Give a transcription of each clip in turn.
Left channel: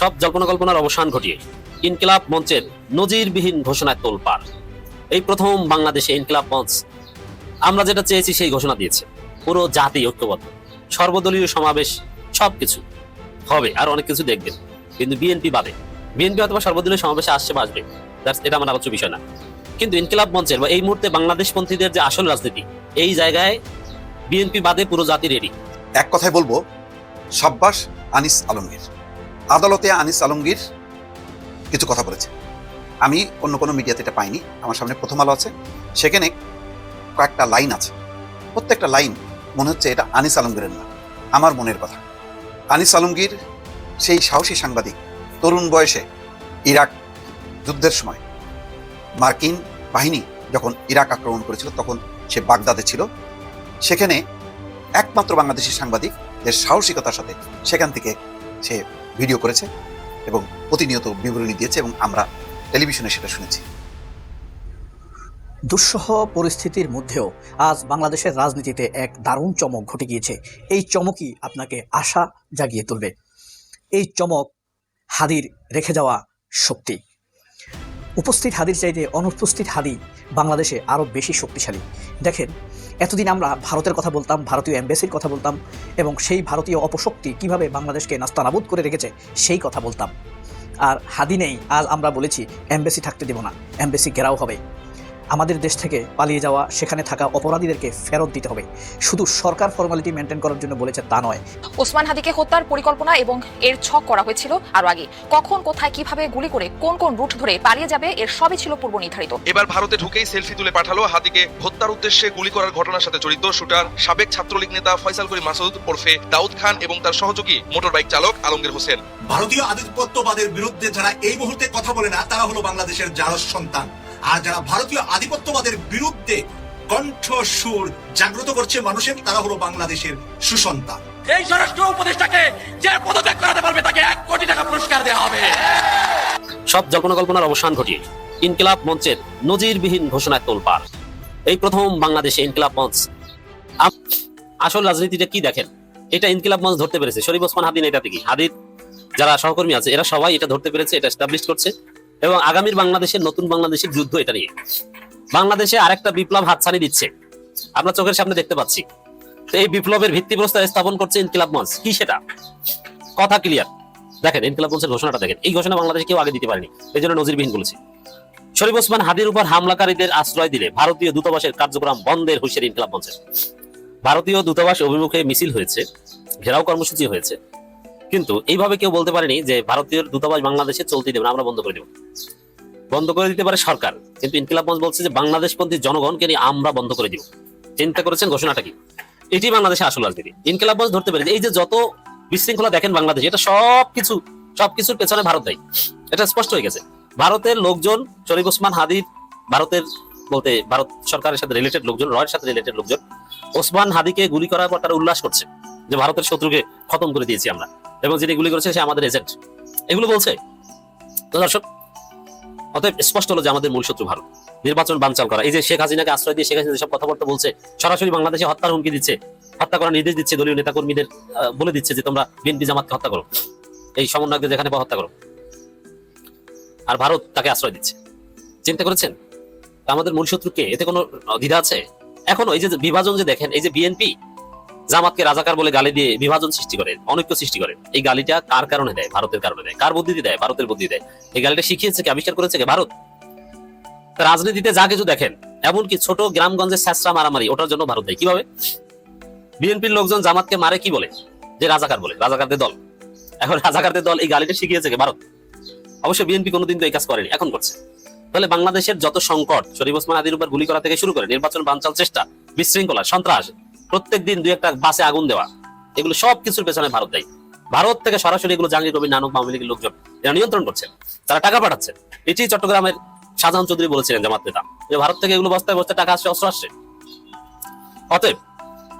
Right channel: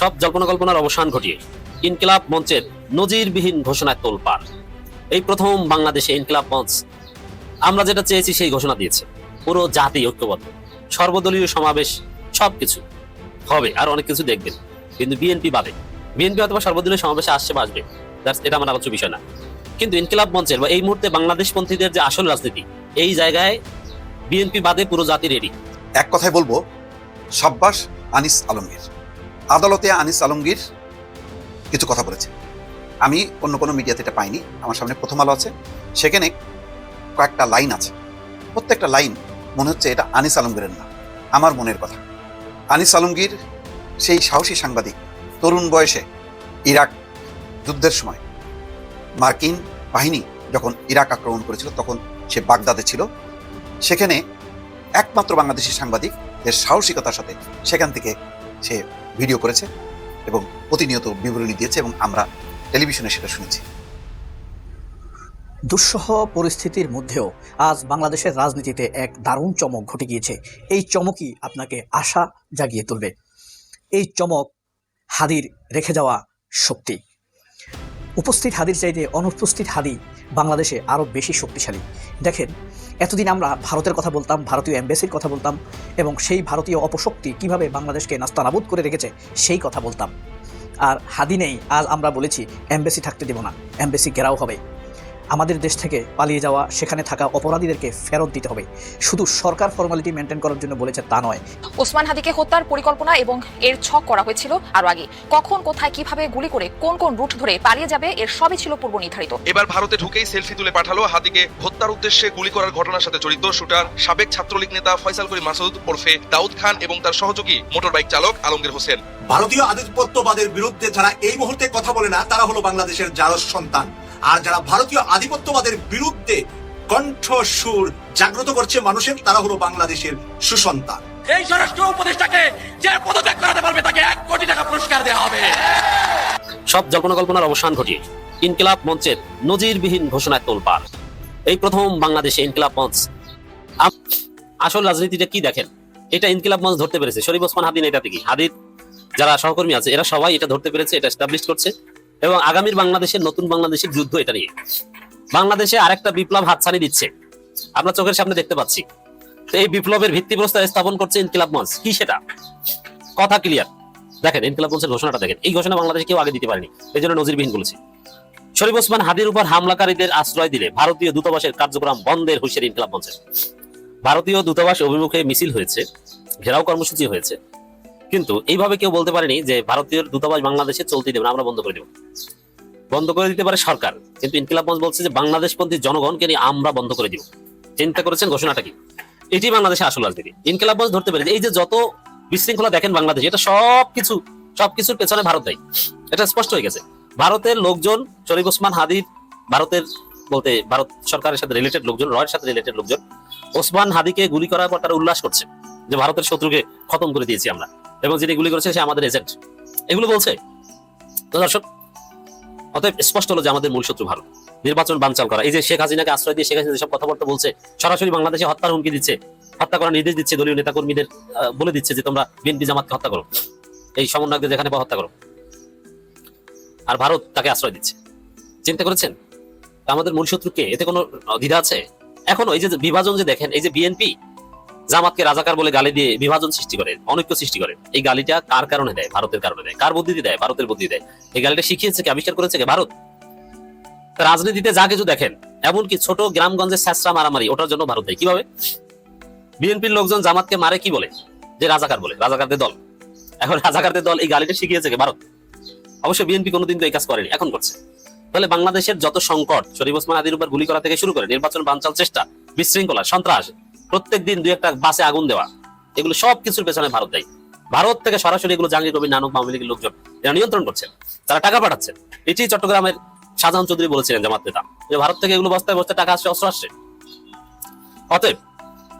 সব জল্পনা কল্পনার অবসান ঘটিয়ে ইনকিলাব মঞ্চের নজিরবিহীন ঘোষণায় তোলপাড়। এই প্রথম বাংলাদেশে ইনকিলাব মঞ্চ আমরা যেটা চেয়েছি সেই ঘোষণা দিয়েছে। পুরো জাতি ঐক্যবদ্ধ, সর্বদলীয় সমাবেশ, সবকিছু হবে, আর অনেক কিছু দেখবেন। কিন্তু বিএনপি বাদে, বিএনপি অথবা সর্বদলীয় সমাবেশে আসছে বা আসবে, এটা আমার আলোচ্য বিষয় না। কিন্তু ইনকিলাব মঞ্চের বা এই মুহূর্তে বাংলাদেশপন্থীদের যে আসল রাজনীতি, এই জায়গায় বিএনপি বাদে পুরো জাতি রেডি। এক কথায় বলবো, সাব্বাস আনিস আলমগীর। আদালতে আনিস আলমগীর কিছু কথা বলেছে, আমি অন্য কোনো মিডিয়াতে এটা পাইনি। আমার সামনে প্রথম আলো আছে, সেখানে কয়েকটা লাইন আছে, প্রত্যেকটা লাইন মনে হচ্ছে এটা আনিস আলমগীরের না, আমার মনের কথা। আনিস আলমগীর সেই সাহসী সাংবাদিক, তরুণ বয়সে ইরাক যুদ্ধের সময় মার্কিন বাহিনী যখন ইরাক আক্রমণ করেছিল তখন সে বাগদাদে ছিল। সেখানে একমাত্র বাংলাদেশি সাংবাদিক এর সাহসিকতার সাথে সেখান থেকে সে ভিডিও করেছে এবং প্রতিনিয়ত বিবরণী দিয়েছে এবং আমরা টেলিভিশনে সেটা শুনেছি। দুঃসহ পরিস্থিতির মধ্যেও আজ বাংলাদেশের রাজনীতিতে এক দারুণ চমক ঘটে গিয়েছে। এই চমকই আপনাকে আশা জাগিয়ে তুলবে। এই চমক হাদির রেখে যাওয়া শক্তি। উপস্থিত হাদির চাইতে অনুপস্থিত হাদি বাংলাদেশে আরও বেশি শক্তিশালী। দেখেন, এতদিন আমরা ভারতের কথা বলতাম, ভারতীয় এমবেসির কথা বলতাম এবং সেই ভারতীয় অপশক্তি কিভাবে বাংলাদেশকে নাস্তানাবুদ করে রেখেছে সেই কথা বলতাম। আর হাদি নেই, আজ আমরা বলেছি এমবেসি থাকতে দেব না, এমবেসি ঘেরাও হবে। আমাদের দেশ থেকে পালিয়ে যাওয়া, সেখানে থাকা অপরাধীদেরকে ফেরত দিতে হবে। শুধু সরকার ফর্মালিটি মেনটেন করার জন্য বলেছে তা নয়। ওসমান হাদিকে হত্যার পরিকল্পনা এবং এর ছক করা হয়েছিল আরো আগে। কখন, কোথায়, কিভাবে গুলি করে কোন কোন রুট ধরে পালিয়ে যাবে এর সবই ছিল পূর্ব নির্ধারিত। এবার ভারতে ঢুকেই সেলফি তুলে পাঠালো হাদিকে হত্যার উদ্দেশ্যে গুলি করার ঘটনার সাথে জড়িত শুটার সাবেক ছাত্রলীগ নেতা ফয়সাল করিম মাসুদ ওরফে দাউদ খান এবং তার সহযোগী মোটরবাইক চালক আলমগীর হোসেন। ভারতীয় আধিপত্যবাদের বিরুদ্ধে যারা এই মুহূর্তে কথা বলে না তারা হলো বাংলাদেশের জারজ সন্তান, আর যারা ভারতীয় আধিপত্যবাদের বিরুদ্ধে কণ্ঠস্বর জাগ্রত করছে মানুষের, তারা হলো বাংলাদেশের সুসন্তান। এই স্বরাষ্ট্র উপদেষ্টাকে যে পদত্যাগ করাতে পারবে তাকে 1 কোটি টাকা পুরস্কার দেওয়া হবে। সব জল্পনা কল্পনার অবসান ঘটিয়ে ইনকিলাব মঞ্চের নজিরবিহীন ঘোষণায় তোলপাড়। এই প্রথম বাংলাদেশে ইনকিলাব মঞ্চ। আসল রাজনীতিটা কি দেখেন, এটা ইনকিলাব মঞ্চ ধরতে পেরেছে। শরীফ ওসমান হাদি এটা থেকে হাদির যারা সহকর্মী আছে এরা সবাই এটা ধরতে পেরেছে, এটা এস্টাবলিশ করছে এবং আগামীর বাংলাদেশের নতুন বাংলাদেশের যুদ্ধ এটা নিয়ে বাংলাদেশে আরেকটা বিপ্লব হাতছানি দিচ্ছে, আমরা চোখের সামনে দেখতে পাচ্ছি। তো এই বিপ্লবের ভিত্তিপ্রস্তর স্থাপন করছে ইনকিলাব মঞ্চ। কি সেটা কথা ক্লিয়ার। দেখেন ইনকিলাব মঞ্চের ঘোষণাটা দেখেন, এই ঘোষণা বাংলাদেশে কেউ আগে দিতে পারেনি, এই জন্য নজিরবিহীন বলেছি। শরীফ ওসমান হাদির উপর হামলাকারীদের আশ্রয় দিলে ভারতীয় দূতাবাসের কার্যক্রম বন্ধের হুঁশিয়ারি ইনকিলাব মঞ্চের। ভারতীয় দূতাবাস অভিমুখে মিছিল হয়েছে, ঘেরাও কর্মসূচি হয়েছে, কিন্তু এইভাবে কেউ বলতে পারেনি যে ভারতীয় দূতাবাস বাংলাদেশে চলতে দেবে না, আমরা বন্ধ করে দেব। বন্ধ করে দিতে পারে সরকার, কিন্তু ইনকিলাব মঞ্চ বলছে যে বাংলাদেশপন্থী জনগণকে নিয়ে আমরা বন্ধ করে দিব। চিন্তা করেছেন ঘোষণাটা কি? এটি বাংলাদেশে আসল রাজনীতি। ইনকিলাব মঞ্চ ধরতে পেরেছে এই যে যত বিশৃঙ্খলা দেখেন বাংলাদেশে, এটা সবকিছুর পেছনে ভারত দায়ী। এটা স্পষ্ট হয়ে গেছে। ভারতের লোকজন শরীফ ওসমান হাদির ভারতের বলতে ভারত সরকারের সাথে রিলেটেড লোকজন ওসমান হাদিকে গুলি করে উল্লেখ করছে খতম করে দিয়েছি আমরা, এবং যিনি গুলি করেছেন সে আমাদের এজেন্ট, এগুলো বলছে। স্পষ্ট হলো আমাদের মূল শত্রু সরাসরি বাংলাদেশে হত্যার হুমকি দিচ্ছে, হত্যা করার নির্দেশ দিচ্ছে, দলীয় নেতা কর্মীদের বলে দিচ্ছে যে তোমরা বিএনপি জামাতকে হত্যা করো, এই সমন্বয়কদের যেখানে হত্যা করো, আর ভারত তাকে আশ্রয় দিচ্ছে। চিন্তা করেছেন আমাদের মূল শত্রুকে? এতে কোনো দ্বিধা আছে? এখনো এই যে বিভাজন যে দেখেন, এই যে বিএনপি জামাতকে রাজাকার বলে গালি দিয়ে বিভাজন সৃষ্টি করে, অনৈক্য সৃষ্টি করে, এই গালিটা কার কারণে দেয়? ভারতের কারণে দেয়, কার বুদ্ধিতে দেয়? এখন রাজাকারদের দল এই গালিটা শিখিয়েছে ভারত। অবশ্য বিএনপি কোনোদিন তো এই কাজ করেনি, এখন করছে। তাহলে বাংলাদেশের যত সংকট, শরীফ ওসমান হাদির উপর গুলি করা থেকে শুরু করে নির্বাচন বানচাল চেষ্টা, বিশৃঙ্খলা, সন্ত্রাস, প্রত্যেকদিন 2-1টা বাসে আগুন দেওয়া, এগুলো সব কিছুর পেছনে ভারত দায়ী। ভারত থেকে সরাসরি এগুলো জাহাঙ্গীর কবির নানক আওয়ামী লীগের লোকজন এরা নিয়ন্ত্রণ করছে, তারা টাকা পাঠাচ্ছে। এটি চট্টগ্রামের শাহজাহান চৌধুরী বলেছিলেন জামাত নেতা, যে ভারত থেকে এগুলো বস্তায় বস্তায় টাকা আসছে, অস্ত্র আসছে। অতএব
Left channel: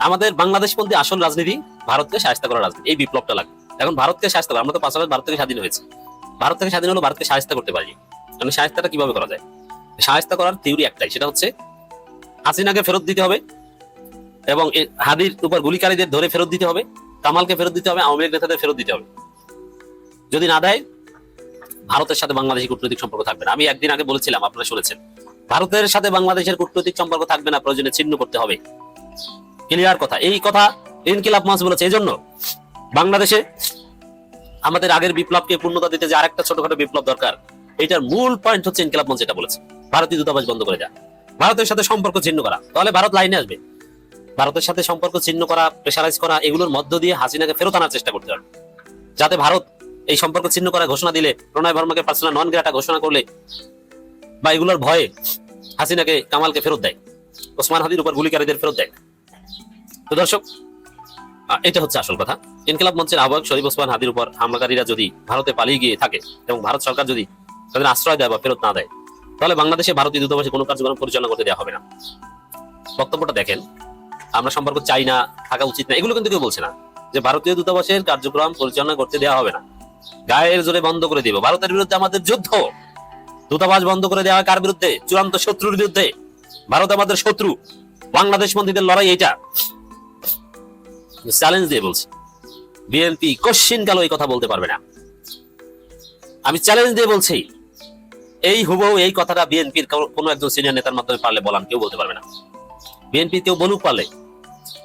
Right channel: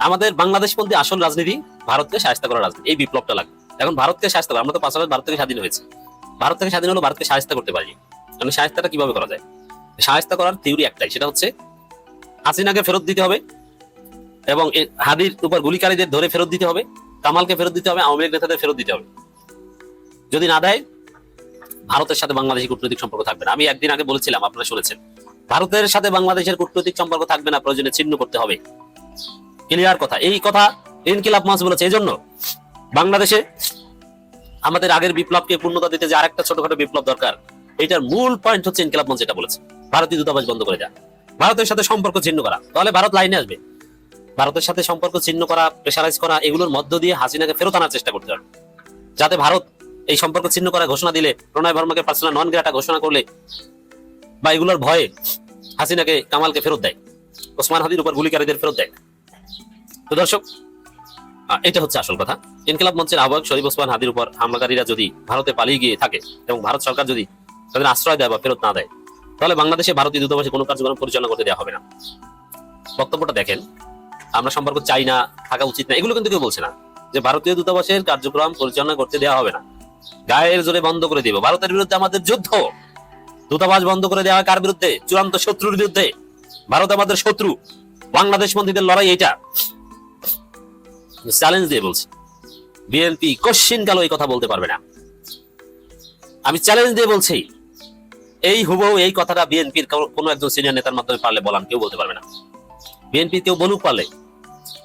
আমাদের বাংলাদেশপন্থী আসল রাজনীতি ভারতকে শায়েস্তা করার রাজনীতি, এই বিপ্লবটা লাগবে। এখন ভারতকে শায়েস্তা করা, আমরা তো পাশাপাশি ভারত থেকে স্বাধীন হয়েছে, ভারত থেকে স্বাধীন হলো, ভারতকে শায়েস্তা করতে পারি। মানে শায়েস্তাটা কিভাবে করা যায়? শায়েস্তা করার থিওরি একটাই, সেটা হচ্ছে হাসিনাকে ফেরত দিতে হবে এবং হাদির উপর গুলিকারীদের ধরে ফেরত দিতে হবে, কামালকে ফেরত দিতে হবে, আওয়ামী লীগ নেতাদের ফেরত দিতে হবে। যদি না দেয়, ভারতের সাথে বাংলাদেশের কূটনৈতিক সম্পর্ক থাকবে না। আমি একদিন আগে বলেছিলাম, আপনারা শুনেছেন, ভারতের সাথে বাংলাদেশের কূটনৈতিক সম্পর্ক থাকবে না, প্রয়োজনে ছিন্ন করতে হবে। ক্লিয়ার কথা। এই কথা ইনকিলাব মঞ্চ বলেছে। এই জন্য বাংলাদেশে আমাদের আগের বিপ্লবকে পূর্ণতা দিতে যে আরেকটা ছোটখাটো বিপ্লব দরকার, এটার মূল পয়েন্ট হচ্ছে ইনকিলাব মঞ্চ এটা বলেছে, ভারতীয় দূতাবাস বন্ধ করে দেওয়া, ভারতের সাথে সম্পর্ক ছিন্ন করা। তাহলে ভারত লাইনে আসবে। ভারতের সাথে সম্পর্ক ছিন্ন করা, প্রেশারাইজ করা, এগুলোর মধ্য দিয়ে হাসিনাকে ফেরত আনার চেষ্টা করতে হবে, যাতে ভারত এই সম্পর্ক ছিন্ন করার ঘোষণা দিলে, প্রণয় বর্মাকে পার্সোনাল নন গ্রেটা ঘোষণা করলে, বা এগুলোর ভয়ে হাসিনাকে, কামালকে ফেরত দেয়, ওসমান হাদির উপর গুলিকারীদের ফেরত দেয়। তো দর্শক, এটা হচ্ছে আসল কথা। ইনকিলাব মঞ্চের আহ্বায়ক শরীফ ওসমান হাদির উপর হামলাকারীরা যদি ভারতে পালিয়ে গিয়ে থাকে এবং ভারত সরকার যদি তাদের আশ্রয় দেয় বা ফেরত না দেয়, তাহলে বাংলাদেশে ভারতীয় দূতাবাসে কোনো কার্যক্রম পরিচালনা করতে দেওয়া হবে না। বক্তব্যটা দেখেন, আমরা সম্পর্ক চাই না, থাকা উচিত না, এগুলো কিন্তু কেউ বলছে না যে ভারতীয় দূতাবাসের কার্যক্রম পরিচালনা করতে দেওয়া হবে না, গায়ের জোরে বন্ধ করে দিব। ভারতের বিরুদ্ধে আমাদের যুদ্ধ, দূতাবাস বন্ধ করে দেওয়া কার বিরুদ্ধে? চূড়ান্ত শত্রুর বিরুদ্ধে। ভারত আমাদের শত্রু, বাংলাদেশ মন্ত্রীদের লড়াই এইটা। চ্যালেঞ্জ দিয়ে বলছি, বিএনপি কোশ্চিন কালো এই কথা বলতে পারবে না। আমি চ্যালেঞ্জ দিয়ে বলছি, এই হুবহু এই কথাটা বিএনপির কোন একজন সিনিয়র নেতার মাধ্যমে পারলে বলাম, কেউ বলতে পারবে না। বিএনপি কেউ বলুক পারলে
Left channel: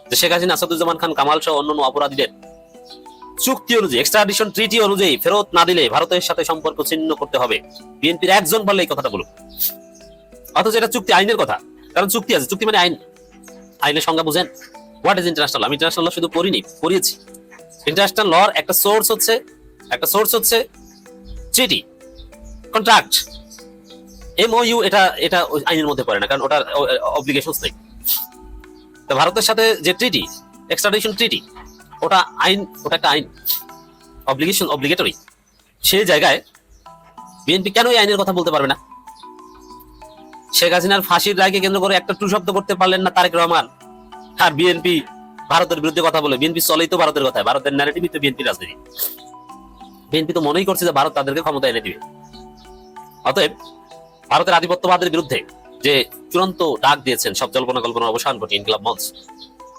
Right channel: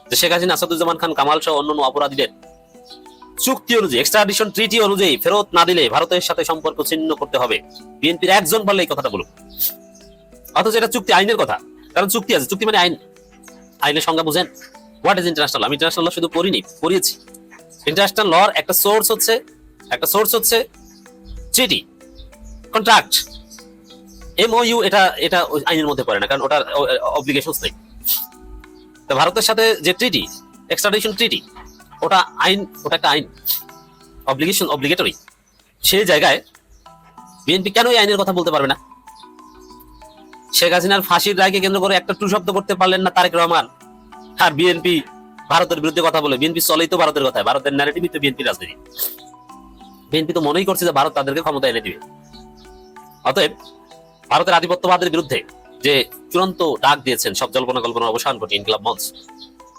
যে শেখ হাসিনা, আসাদুজ্জামান খান, কামাল সহ অন্যান্য অপরাধীদের চুক্তি অনুযায়ী, এক্সট্রাডিশন ট্রিটি অনুযায়ী ফেরত না দিলে ভারতের সাথে সম্পর্ক ছিন্ন করতে হবে। বিএনপির একজন পারলে এই কথাটা বলুক। অথচ এটা চুক্তি, আইনের কথা। কারণ চুক্তি আছে, চুক্তি মানে আইন। আইনের সংজ্ঞা বুঝেন? What is international? আমি ইন্টারন্যাশনাল ল শুধু পড়িনি, পড়িয়েছি। ইন্টারন্যাশনাল লর একটা সোর্স হচ্ছে ট্রিটি, কন্ট্রাক্ট, এমওইউ। এটা আইনের মধ্যে পড়ে না, কারণ ওটার অব্লিগেশনস নেই। তো ভারতের সাথে যে ট্রিটি, এক্সট্রাডিশন ট্রিটি, ওটা আইন, ওটা একটা আইন, অব্লিগেশন, অব্লিগেটরি। সেই জায়গায় বিএনপি কেন এই আইনের কথা বলতে পারবে না? শেখ হাসিনার ফাঁসির রায়কে কেন্দ্র করে একটা টু শব্দ করতে পারলেন না তারেক রহমান, আর বিএনপি ভারতের বিরুদ্ধে কথা বলে। বিএনপি চলেই তো ভারতের কথায়, ভারতের ন্যারেটিভই তো বিএনপি রাজনীতি। বিএনপি তো মনেই করছে যে ভারত তাদেরকে ক্ষমতা এনে দিবে। অতএব ভারতের আধিপত্যবাদের বিরুদ্ধে যে চূড়ান্ত ডাক দিয়েছেন সব জল্পনা কল্পনার অবসান ঘটিয়ে ইনকিলাব মঞ্চ,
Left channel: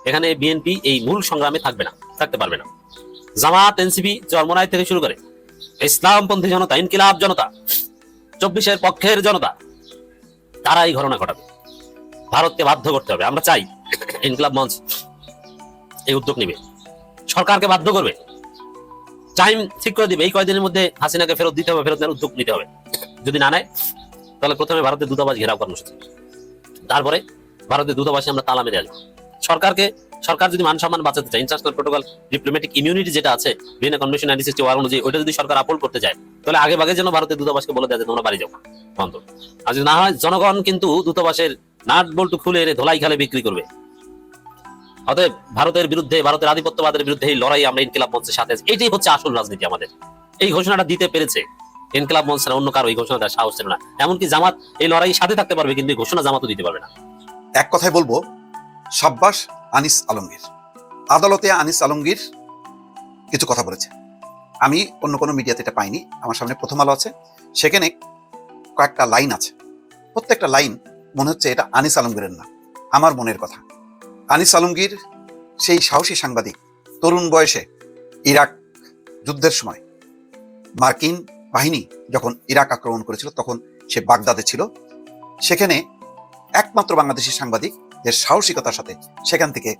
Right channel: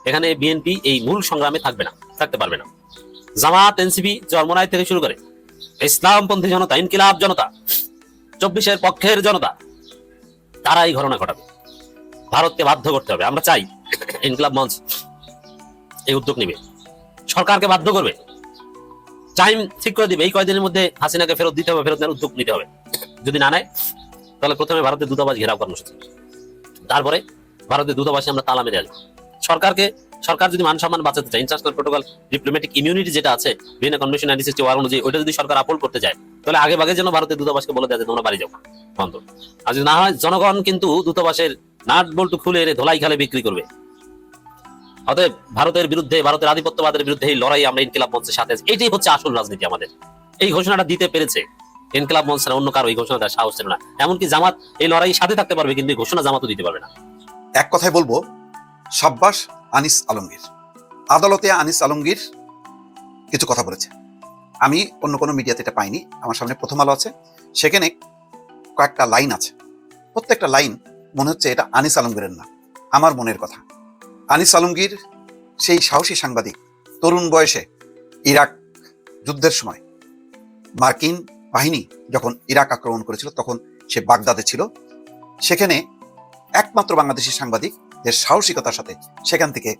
এখানে বিএনপি এই মূল সংগ্রামে থাকতে পারবে না। জামাত, এনসিপি, চরমনাই থেকে শুরু করে ইসলামপন্থী জনতা, ইনকিলাব জনতা, 24-এর পক্ষের জনতা, তারা এই ঘটনা ঘটাবে। ভারতকে বাধ্য করতে হবে। আমরা চাই ইনকিলাব মঞ্চ এই উদ্যোগ নিবে, সরকারকে বাধ্য করবে, টাইম ঠিক করে দিবে, এই কয়েকদিনের মধ্যে হাসিনাকে ফেরত দিতে হবে, ফেরত নেওয়ার উদ্যোগ নিতে হবে। যদি না নেয়, তাহলে প্রথমে ভারতের দূতাবাস ঘেরাও কর্মসূচি, তারপরে ভারতের দূতাবাসে আমরা তালা মেরে আসবো। সরকার যদি মান সম্মান বাঁচাতে চায়, ইন্টারন্যাশনাল প্রোটোকল, ডিপ্লোম্যাটিক ইমিউনিটি যেটা আছে ভিয়েনা কনভেনশন 1961 অনুযায়ী, ওইটা যদি সরকার আপহোল্ড করতে চায়, তাহলে আগে ভাগে যেন ভারতের দূতাবাসকে বলে দেয় যে তোমরা বাড়ি যাও, বন্ধ। আর যদি না হয়, জনগণ কিন্তু দূতাবাসের নাট বল্টু খুলে এনে ধোলাই খালে বিক্রি করবে। অতএব ভারতের বিরুদ্ধে, ভারতের আধিপত্যবাদের বিরুদ্ধে এই লড়াই আমরা ইনকিলাব মঞ্চের সাথে, এটাই হচ্ছে আসল রাজনীতি আমাদের। এই ঘোষণাটা দিতে পেরেছে ইনকিলাব মঞ্চ, অন্য কারো এই ঘোষণা দেওয়ার সাহস ছিল না। এমনকি জামাত এই লড়াইয়ের সাথে থাকতে পারবে, কিন্তু এই ঘোষণা জামাতও দিতে পারবে না। এক কথায় বলবো, সাব্বাস আনিস আলমগীর। আদালতে আনিস আলমগীর কিছু কথা বলেছে, আমি অন্য কোনো মিডিয়াতে এটা পাইনি। আমার সামনে প্রথম আলো আছে, সেখানে কয়েকটা লাইন আছে, প্রত্যেকটা লাইন মনে হচ্ছে এটা আনিস আলমগীরের না, আমার মনের কথা। আনিস আলমগীর সেই সাহসী সাংবাদিক, তরুণ বয়সে ইরাক যুদ্ধের সময় মার্কিন বাহিনী যখন ইরাক আক্রমণ করেছিল, তখন সে বাগদাদে ছিল। সেখানে একমাত্র বাংলাদেশি সাংবাদিক যে সাহসিকতার সাথে সেখান থেকে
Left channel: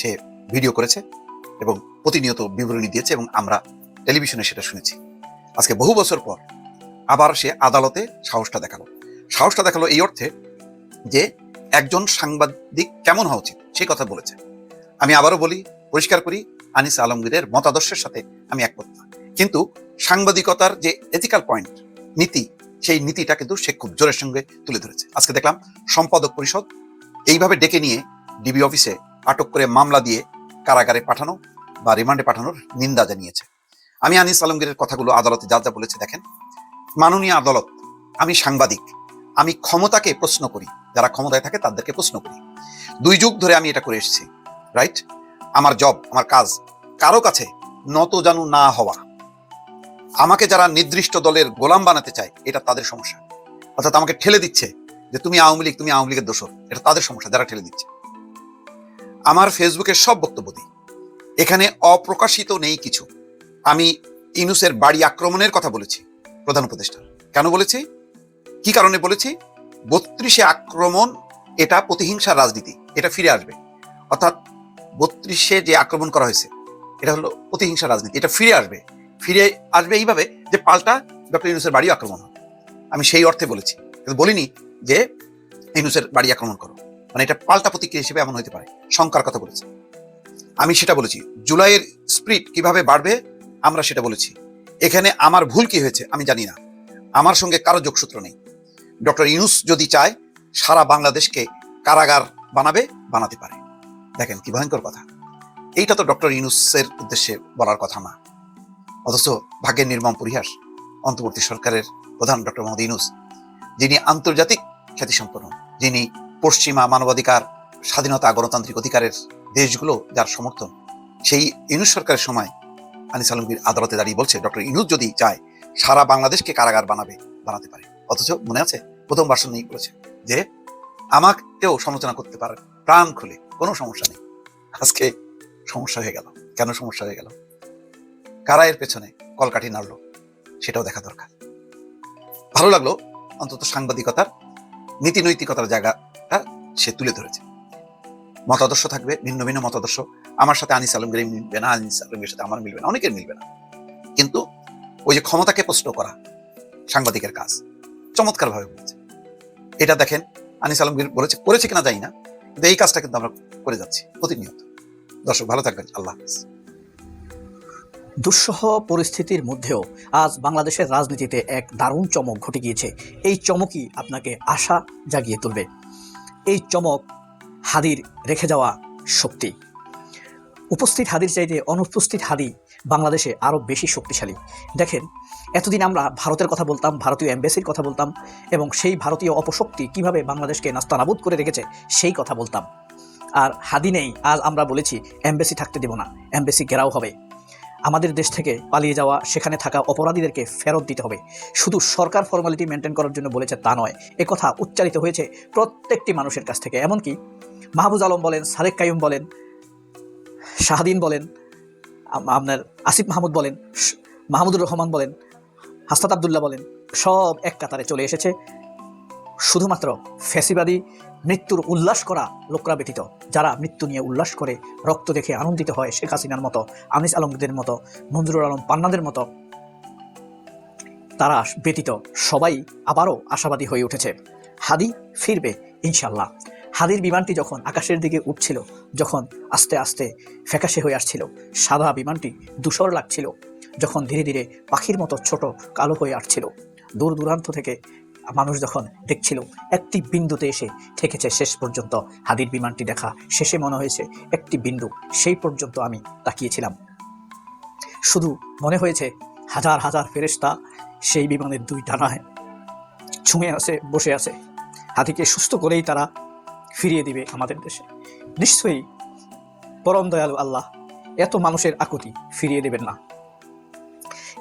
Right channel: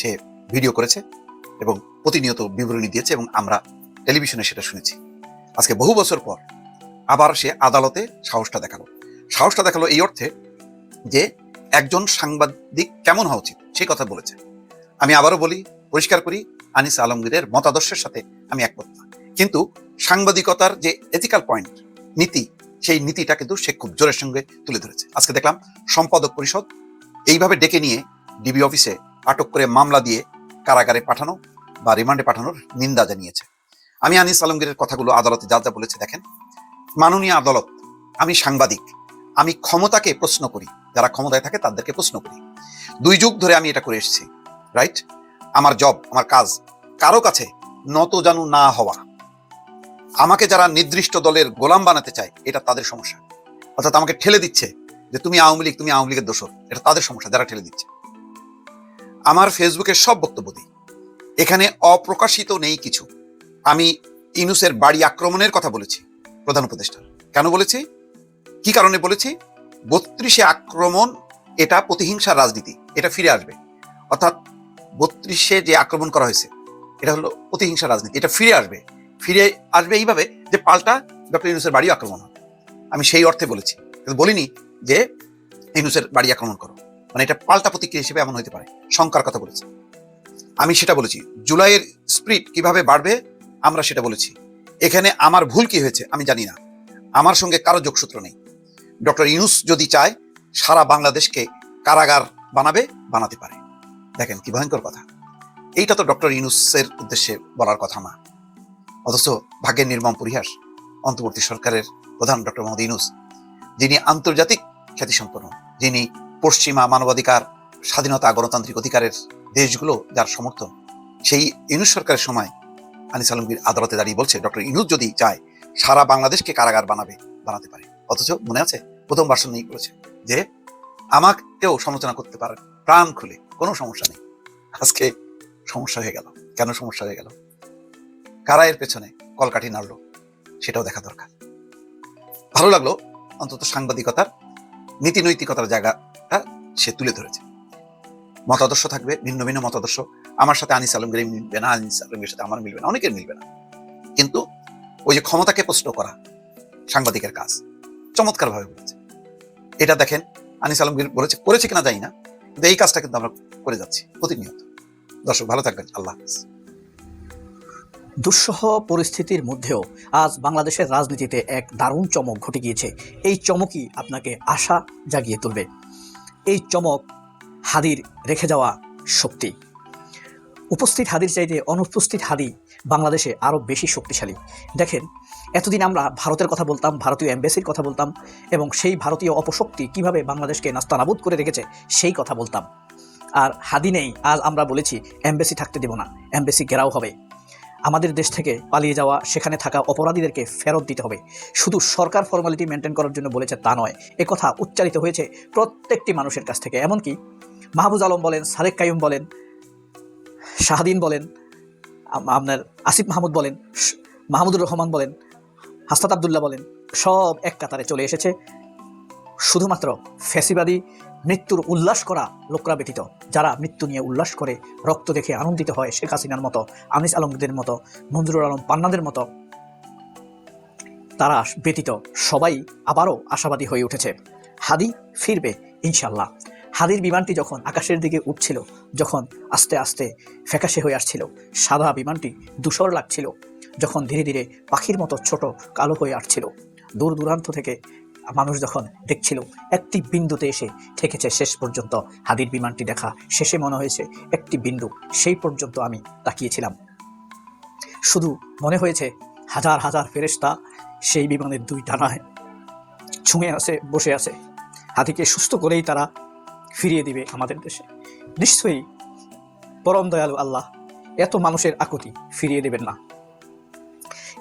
সে ভিডিও করেছে এবং প্রতিনিয়ত বিবরণী দিয়েছে, এবং আমরা টেলিভিশনে সেটা শুনেছি। আজকে বহু বছর পর আবার সে আদালতে সাহসটা দেখালো এই অর্থে যে একজন সাংবাদিক কেমন হওয়া উচিত সেই কথা বলেছে। আমি আবারও বলি, পরিষ্কার করি, আনিস আলমগীরের মতাদর্শের সাথে আমি একমত না, কিন্তু সাংবাদিকতার যে এথিক্যাল পয়েন্ট, নীতি, সেই নীতিটা কিন্তু সে খুব জোরের সঙ্গে তুলে ধরেছে। আজকে দেখলাম সম্পাদক পরিষদ এইভাবে ডেকে নিয়ে ডিবি অফিসে আটক করে মামলা দিয়ে কারাগারে পাঠানো বা রিমান্ডে পাঠানোর নিন্দা জানিয়েছে। আমি আনিস আলমগীরের কথাগুলো আদালতে যা যা বলেছে দেখেন। মাননীয় আদালত, আমি সাংবাদিক, আমি ক্ষমতাকে প্রশ্ন করি, যারা ক্ষমতায় থাকে তাদেরকে প্রশ্ন করি। 2 যুগ ধরে আমি এটা করে এসেছি, রাইট? আমার জব, আমার কাজ কারো কাছে নত জানু না হওয়া। আমাকে যারা নির্দিষ্ট দলের গোলাম বানাতে চায়, এটা তাদের সমস্যা। অর্থাৎ আমাকে ঠেলে দিচ্ছে যে তুমি আওয়ামী লীগ, তুমি আওয়ামী লীগের দোষর, এটা তাদের সমস্যা, যারা ঠেলে দিচ্ছে। আমার ফেসবুকের সব বক্তব্য দিই, এখানে অপ্রকাশিত নেই কিছু। আমি ইউনূসের বাড়ি আক্রমণের কথা বলেছি প্রধান উপদেষ্টা। কেন বলেছি, কি কারণে বলেছি? 32-এ আক্রমণ এটা প্রতিহিংসার রাজনীতি, এটা ফিরে আসবে। অর্থাৎ 32-এ যে আক্রমণ করা হয়েছে এটা হলো প্রতিহিংসার রাজনীতি, এটা ফিরে আসবে এইভাবে যে পাল্টা ডক্টর ইউনূসের বাড়ি আক্রমণ। আমি সেই অর্থে বলেছি, বলিনি যে ইউনূসের বাড়ি আক্রমণ করো, মানে এটা পাল্টা প্রতিক্রিয়া হিসেবে এমন হতে পারে, শঙ্কার কথা বলেছি। আমি সেটা বলেছি। জুলাইয়ের স্পিরিট কিভাবে বাড়বে আমরা সেটা বলেছি। এখানে আমার ভুল কি হয়েছে আমি জানি না, আমার সঙ্গে কারো যোগসূত্র নেই। ডক্টর ইউনূস যদি চায় সারা বাংলাদেশকে কারাগার বানাতে পারে। দেখেন কি ভয়ঙ্কর কথা, এইটা তো ডক্টর ইউনূসের উদ্দেশ্যে বলার কথা না, অথচ ভাগ্যের নির্মম পরিহাস, অন্তর্বর্তী সরকারের প্রধান ডক্টর মোহাম্মদ ইউনূস, যিনি আন্তর্জাতিক খ্যাতিসম্পন্ন, যিনি পশ্চিমা মানবাধিকার, স্বাধীনতা, গণতান্ত্রিক অধিকারের দেশগুলো যার সমর্থন, সেই ইউনূস সরকারের সময় আনিস আলমগীর আদালতে দাঁড়িয়ে বলছে ডক্টর ইউনূস যদি চায় সারা বাংলাদেশকে কারাগার বানাতে পারে। অথচ মনে আছে প্রথম ভাষণ নিয়ে বলেছে যে আমাকেও সমালোচনা করতে পারেন প্রাণ খুলে, কোনো সমস্যা নেই। আজকে সমস্যা হয়ে গেল। কেন সমস্যা হয়ে গেল? কারা এর পেছনে কলকাঠি নাড়লো সেটাও দেখা দরকার। ভালো লাগলো অন্তত সাংবাদিকতার নীতি নৈতিকতার জায়গাটা সে তুলে ধরেছে। মতাদর্শ থাকবে, ভিন্ন ভিন্ন মতাদর্শ। আমার সাথে আনিস আলমগীর মিলবে না, আনিস আলমগীর সাথে আমার মিলবে না, অনেকের মিলবে না, কিন্তু ওই যে ক্ষমতাকে প্রশ্ন করা সাংবাদিকের কাজ চমৎকার ভাবে বলেছে। এটা দেখেন আনিস আলমগীর করেছে কিনা জানি না, কিন্তু এই কাজটা কিন্তু আমরা করে যাচ্ছি প্রতিনিয়ত। দর্শক ভালো থাকবেন, আল্লাহ হাফেজ। দুঃসহ পরিস্থিতির মধ্যেও আজ বাংলাদেশের রাজনীতিতে এক দারুণ চমক ঘটে গিয়েছে। এই চমকই আপনাকে আশা জাগিয়ে তুলবে। এই চমক হাদির রেখে যাওয়া শক্তি। উপস্থিত হাদির চাইতে অনুপস্থিত হাদি বাংলাদেশে আরও বেশি শক্তিশালী। দেখেন, এতদিন আমরা ভারতের কথা বলতাম, ভারতীয় এমবেসির কথা বলতাম, এবং সেই ভারতীয় অপশক্তি কিভাবে বাংলাদেশকে নাস্তানাবুদ করে রেখেছে সেই কথা বলতাম। আর হাদি নেই, আজ আমরা বলেছি এমবেসি থাকতে দেব না, এমবেসি ঘেরাও হবে। আমাদের দেশ থেকে পালিয়ে যাওয়া, সেখানে থাকা অপরাধীদেরকে ফেরত দিতে হবে। শুধু সরকার ফর্মালিটি মেনটেন করার জন্য বলেছে তা নয়, একথা উচ্চারিত হয়েছে প্রত্যেকটি মানুষের কাছ থেকে। এমনকি মাহফুজ আলম বলেন, সাদেক কাইয়ুম বলেন, শাহদিন বলেন, আপনার আসিফ মাহমুদ বলেন, মাহমুদুর রহমান বলেন, হাসনাত আবদুল্লাহ বলেন, সব এক কাতারে চলে এসেছে। শুধুমাত্র ফ্যাসিবাদী মৃত্যুর উল্লাস করা লোকরা ব্যতীত, যারা মৃত্যু নিয়ে উল্লাস করে রক্ত দেখে আনন্দিত হয়, শেখ হাসিনার মতো, আনিস আলমদের মতো, মঞ্জুরুল আলম পান্নাদের মতো, তারা ব্যতীত সবাই আবারও আশাবাদী হয়ে উঠেছে। হাদি ফিরবে ইনশাল্লাহ। হাদির বিমানটি যখন আকাশের দিকে উঠছিল, যখন আস্তে আস্তে ফ্যাকাশে হয়ে আসছিল, সাদা বিমানটি ধূসর লাগছিল, যখন ধীরে ধীরে পাখির মতো ছোট কালো হয়ে আসছিল, দূর দূরান্ত থেকে মানুষ যখন দেখছিল, একটি বিন্দুতে এসে ঠেকেছে শেষ পর্যন্ত হাদির বিমানটি দেখা। শেষে মনে হয়েছে একটি বিন্দু, সেই পর্যন্ত আমি তাকিয়েছিলাম। শুধু মনে হয়েছে হাজার হাজার ফেরেশতা সেই বিমানের দুই ডানায় ছুঁয়ে আছে, বসে আছে। হাদিকে সুস্থ করেই তারা ফিরিয়ে দিবে আমাদের দেশে। নিশ্চয়ই পরম দয়ালু আল্লাহ এত মানুষের আকুতি ফিরিয়ে দেবেন না।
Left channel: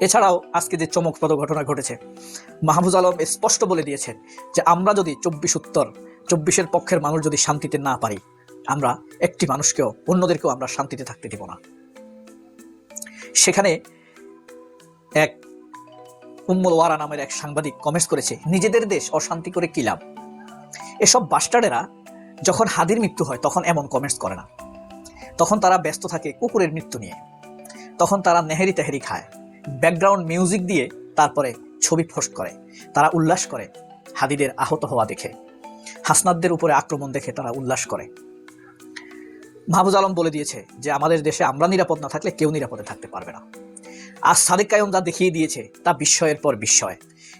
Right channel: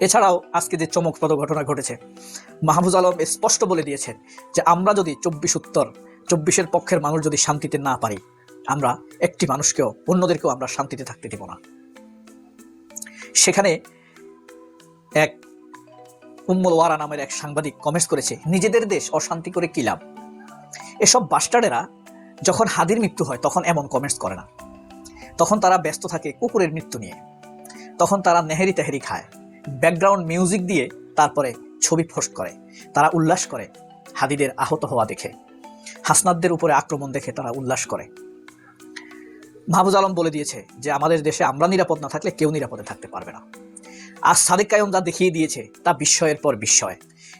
এছাড়াও আজকে যে চমকপ্রদ ঘটনা ঘটেছে, মাহফুজ আলম স্পষ্ট বলে দিয়েছেন যে আমরা যদি 24 পক্ষের মানুষ যদি শান্তিতে না পারি, আমরা একটি মানুষকেও, অন্যদেরকেও আমরা শান্তিতে থাকতে দেব না। সেখানে এক উম্মুল ওয়ারা নামের এক সাংবাদিক কমেন্টস করেছে, নিজেদের দেশ অশান্তি করে কি লাভ। এসব বাস্টার্ডেরা যখন হাদির মৃত্যু হয় তখন এমন কমেন্টস করে না, তখন তারা ব্যস্ত থাকে কুকুরের মৃত্যু নিয়ে, তখন তারা নেহেরি তেহেরি খায়, ব্যাকগ্রাউন্ড মিউজিক দিয়ে তারপরে ছবি পোস্ট করে, তারা উল্লাস করে হাদিদের আহত হওয়া দেখে, হাসনাতদের উপরে আক্রমণ দেখে তারা উল্লাস করে। মাহফুজ আলম বলে দিয়েছে যে আমাদের দেশে আমরা নিরাপদ না থাকলে কেউ নিরাপদে থাকতে পারবে না। আর সাদেক কাইয়ুম যা দেখিয়ে দিয়েছে তা বিস্ময়ের পর বিস্ময়।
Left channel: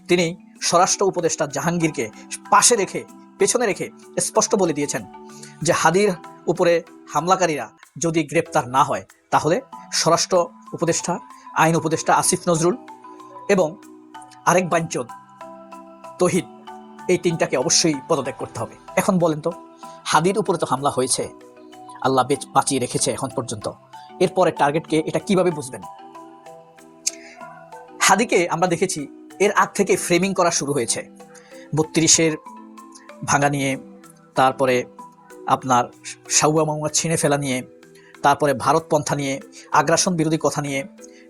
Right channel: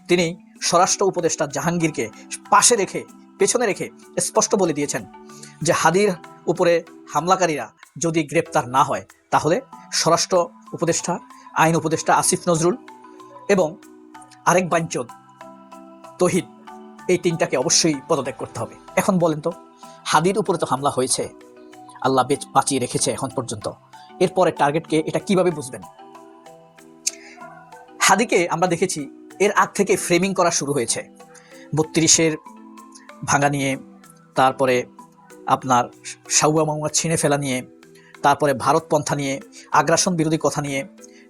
তিনি স্বরাষ্ট্র উপদেষ্টা জাহাঙ্গীরকে পেছনে রেখে স্পষ্ট বলে দিয়েছেন যে হাদির উপরে হামলাকারীরা যদি গ্রেপ্তার না হয় তাহলে স্বরাষ্ট্র উপদেষ্টা, আইন উপদেষ্টা আসিফ নজরুল এবং আরেক বাঞ্চদ তহিদ, এই তিনটাকে অবশ্যই পদত্যাগ করতে হবে। এখন বলেন তো, হাদির উপরে তো হামলা হয়েছে, আল্লাহ বাঁচিয়ে রেখেছে এখন পর্যন্ত, এরপরে টার্গেটকে এটা কিভাবে বুঝবেন? হাদিকে আমরা দেখেছি এর আগ থেকে ফ্রেমিং করা শুরু হয়েছে, 32-এর ভাঙা নিয়ে, তারপরে আপনার সাউয়া মামুয়া ছিঁড়ে ফেলা নিয়ে, তারপরে ভারতপন্থা নিয়ে, আগ্রাসন বিরোধী কথা নিয়ে,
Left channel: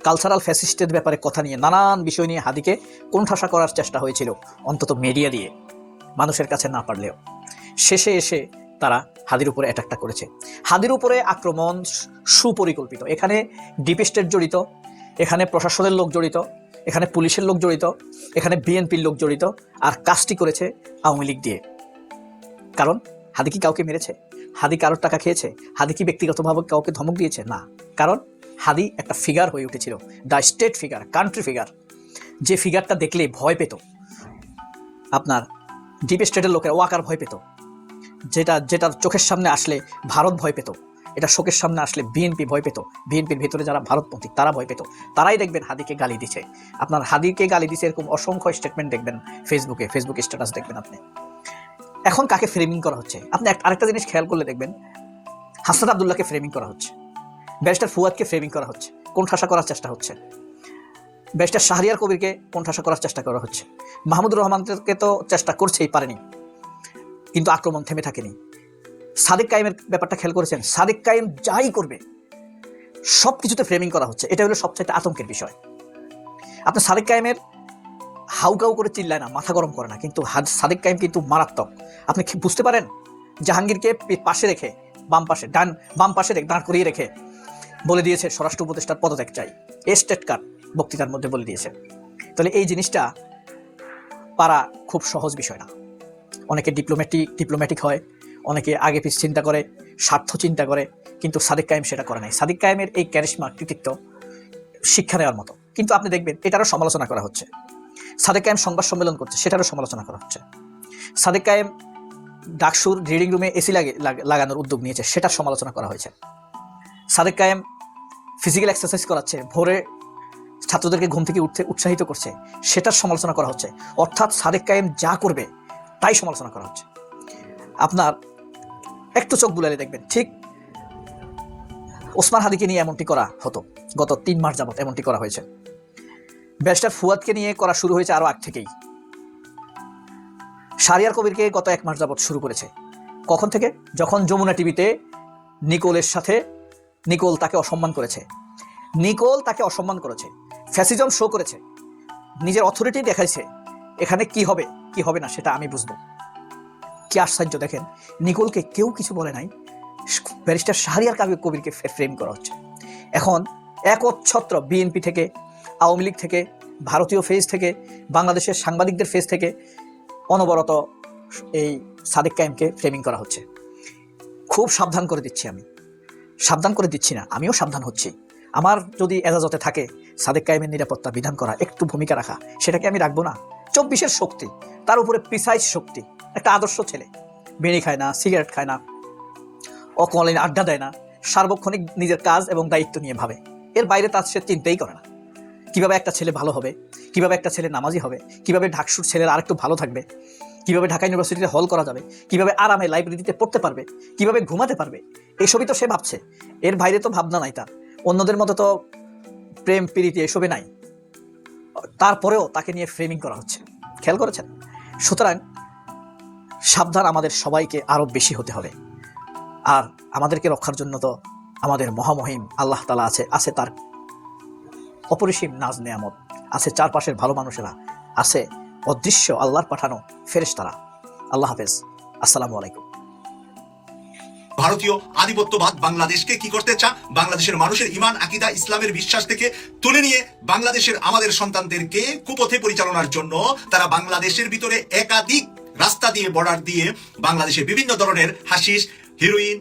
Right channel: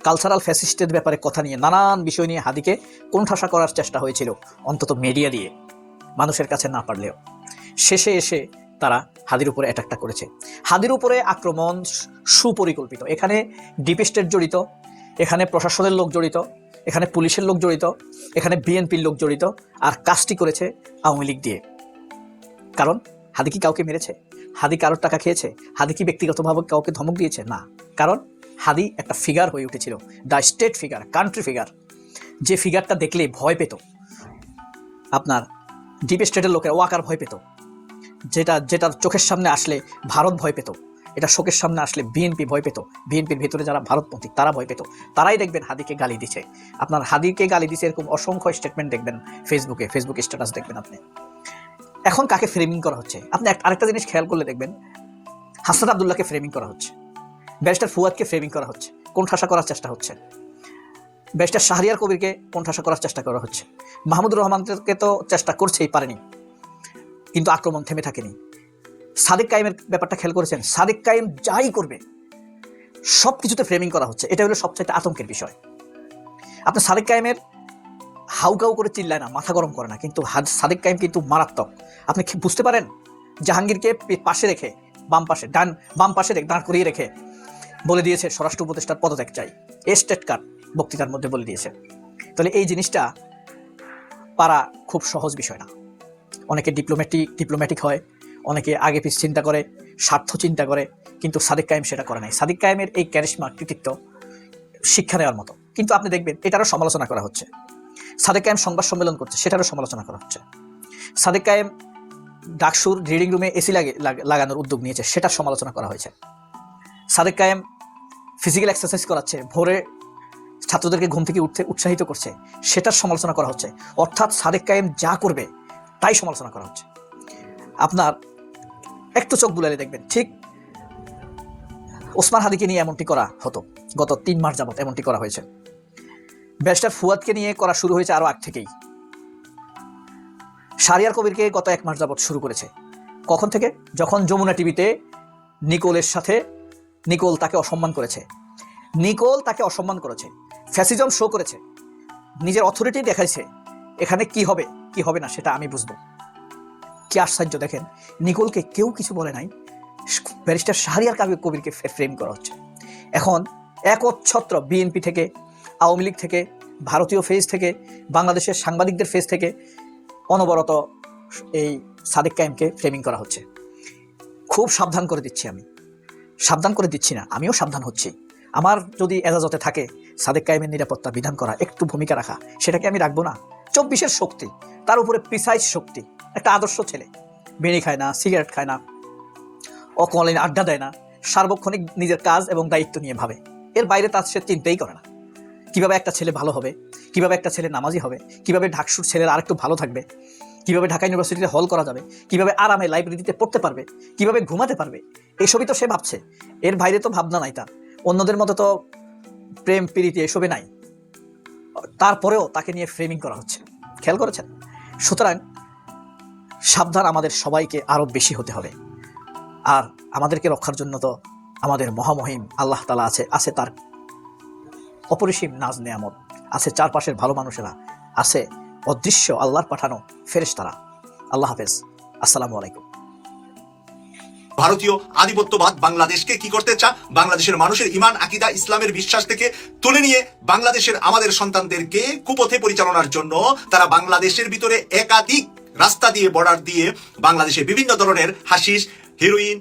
কালচারাল ফ্যাসিস্টের ব্যাপারে কথা নিয়ে নানান বিষয় নিয়ে হাদিকে কোণঠাসা করার চেষ্টা হয়েছিল, অন্তত মিডিয়া দিয়ে, মানুষের কাছে না পারলেও। শেষে এসে তারা হাদির উপরে অ্যাটাকটা করেছে। হাদির উপরে আক্রমণ সুপরিকল্পিত। এখানে ডিপ স্টেট জড়িত, এখানে প্রশাসনের লোক জড়িত, এখানে পুলিশের লোক জড়িত, এখানে বিএনপির লোক জড়িত, আর কাজটি করেছে আওয়ামী লীগ দিয়ে। কারণ হাদি কি কাউকে মেরেছে? হাদি কারোর টাকা খেয়েছে? হাদি কি ব্যক্তিগতভাবে কাউকে ধমক দিয়েছে? না। কারণ হাদি একটা ফিগার হয়ে উঠেছিল, the state figure, country figure, যে ফিগারটা দেখলে ভয় পেত আপনার ডিপ স্টেটের লোকের, ওয়াকার ভয় পেত, যেটা চোখের সামনে আসলে ভারত ভয় পেত, এটা চোখের সামনে আসলে বিএনপি ভয় পেত, বিএনপির ভেতরে যারা ভারতপন্থী তারা ভয় পেত, তারাই দেখবেন হাদিকে গালি দিচ্ছে। আপনার হাদিকে গালি দিচ্ছে এরকম অসংখ্য স্টেটমেন্ট দেখবেন ফেসবুক স্ট্যাটাস দেখবেন আপনি। এখন কাকে ফ্রেমিং করা হচ্ছে? আপনি আরেকটা জিনিস খেয়াল করলে দেখবেন, হাসান আব্দুল্লাহকে ফ্রেমিং করা হচ্ছে, ব্যারিস্টার ফুয়াদকে ফ্রেমিং করা হচ্ছে, কোণঠাসা করার চেষ্টা হচ্ছে, ব্যারিস্টার শাহরিয়ার কবিরকে কোণঠাসা করার চেষ্টা করা হচ্ছে, মাহমুদুর রহমানকে তো চেষ্টা করছেই, পারেনি, কিন্তু আক্রমণ থেমে থাকেনি। সাদিক কায়েমের ব্যাপারটা খেয়াল করেছেন? সাদিক কায়েম যাই করবে সব কিছুতে ফ্রেমিং করা হচ্ছে। এটা হলো সবচেয়ে আতঙ্কের বিষয়। আপনি সাদিক কায়েমের হাউকাউ করে চিল্লায় না, মাথা গরম করে না, কিন্তু সাদিক কায়েম কিন্তু মারাত্মক। আপনি বুঝতে পারেন, জাহাঙ্গীরকে পাশে রেখে, বাম পাশে দাঁড় করিয়ে রেখে বলে দিয়েছে স্বরাষ্ট্র উপদেষ্টার পদত্যাগ চাই, স্টেট কার্ড বক্তৃতার মধ্যে বলে দিয়েছে। তাহলে এই জিনিসটা পারা খুব সহজ বিষয় না। অনেকে ডিপ্লোম্যাটিক হয়, অনেকে আগে পিছ চিন্তা করে, স্বার্থ চিন্তা করে, কিন্তু সাদিক কায়েম সেটা করে নাই। সাদিক কায়েমের এই ক্যারিশমা, কৃতিত্ব শিক্ষা নেওয়ার মতো। কিন্তু আপনি দেখবেন এটারও সমালোচনা করা হচ্ছে। সাদিক কায়েম সংবাদ সম্মেলন করছে, সেটারও সমালোচনা করা হচ্ছে। সাদিক কায়েম ডাকসুর রিডিং রুমে এসি লাগানোর উদ্যোগ নিয়েছে, সেটার সমালোচনা করা হয়েছে। সাদিক কায়েম ফিজিক্যাল এক্সারসাইজ করাচ্ছে, ভোরে ছাত্রদেরকে ঘুম থেকে উঠতে উৎসাহিত করছে, সেটার সমালোচনা করা হচ্ছে। অর্থাৎ সাদিক কায়েম যা করবে তাই সমালোচনা করা হচ্ছে। আপনার একটু চোখ বুলালে দেখবেন ঠিক ওসমান হাদিকে নিয়ে এমনটি করা হতো, গত 3 মাস যাবত এমনটি করা হয়েছে। ব্যারিস্টার ফুয়াদকে নিয়ে করা শুরু হয়েছে আরো আগ থেকেই। শাহরিয়ার কবিরকে গত 1 মাস যাবত শুরু করেছে। কখন থেকে? যখন যমুনা টিভিতে নিকোল তাকে অসম্মান করেছে, ফ্যাসিজম শো করেছে, নিজের অথরিটি দেখাইছে, এখানে কি হবে কি হবে না সেটা আমি বুঝবো। কি আশ্চর্য দেখেন, নিকোলকে কেউ কিছু বলে নাই, ব্যারিস্টার শাহরিয়ার কবিরকে ফ্রেম করা হচ্ছে। এখন একক ছত্র বিএনপি থেকে, আওয়ামী লীগ থেকে, ভারতীয় ফেজ থেকে, বাংলাদেশের সাংবাদিকদের ফেজ থেকে অনবরত এই সাদিক কায়েমকে ফ্রেমিং করা হচ্ছে। খুব সাবধান করে দিচ্ছি আমি, সাবধান করে দিচ্ছি না, আমিও সাবধান হচ্ছি। আমার যদি এজাজতে থাকে সাদিক কায়েমের নিরাপত্তা বিধান করা, একটু ভূমিকা রাখা, সেটাকে আমি রাখবো না? 24-এর শক্তি, তার উপরে প্রিসাইজ শক্তি, একটা আদর্শ ছেলে, বিড়ি খায় না, সিগারেট খায় না, অকমলিন আড্ডা দেয় না, সার্বক্ষণিক নিজের কাজ এবং দায়িত্ব নিয়ে ভাবে। এর বাইরে তার সে চিন্তাই করে না কিভাবে একটা ছেলে ভালো হবে, কিভাবে একটা ছেলে নামাজি হবে, কিভাবে ঢাকসুর ছেলে একটু ভালো থাকবে, কিভাবে ঢাকা ইউনিভার্সিটিতে হল করে যাবে, কিভাবে আরামে লাইব্রেরিতে পড়তে পারবে, কিভাবে ঘুমাতে পারবে, এসবই তো সে ভাবছে। এর বাইরে তো ভাবনা নাই তার। অন্যদের মতো তো প্রেম প্রীতি এসবে নাই। তারপরেও তাকে নিয়ে ফ্রেমিং করা হচ্ছে, খেয়াল করেছেন? সুতরাং সাবধান আমাদের সবাইকে আরো বেশি হতে হবে। আর আমাদেরকে রক্ষার জন্য তো আমাদের মহামহিম আল্লাহ তাআলা আছে তার অপরিসীম নাজ নেয়ামত, আছে চারপাশের ভালো মানুষেরা, আছে অদৃশ্য আল্লাহর পাঠানো ফেরেশতারা। আল্লাহ হাফেজ, আসসালামু আলাইকুম। ভারতীয় আধিপত্যবাদ বাংলাদেশকে কি করতে চা, বাংলাদেশের মানুষের ইমান, আকীদা, ইসলামের বিশ্বাস থেকে তুলে নিয়ে বাংলাদেশের আমাদের সন্তানদেরকে কুপথে পরিচালনার জন্য তারা বাংলাদেশের ভিতরে একাধিক রাস্তা দিয়ে, বর্ডার দিয়ে বাংলাদেশে বিভিন্ন ধরনের হাশিশ, হিরোইন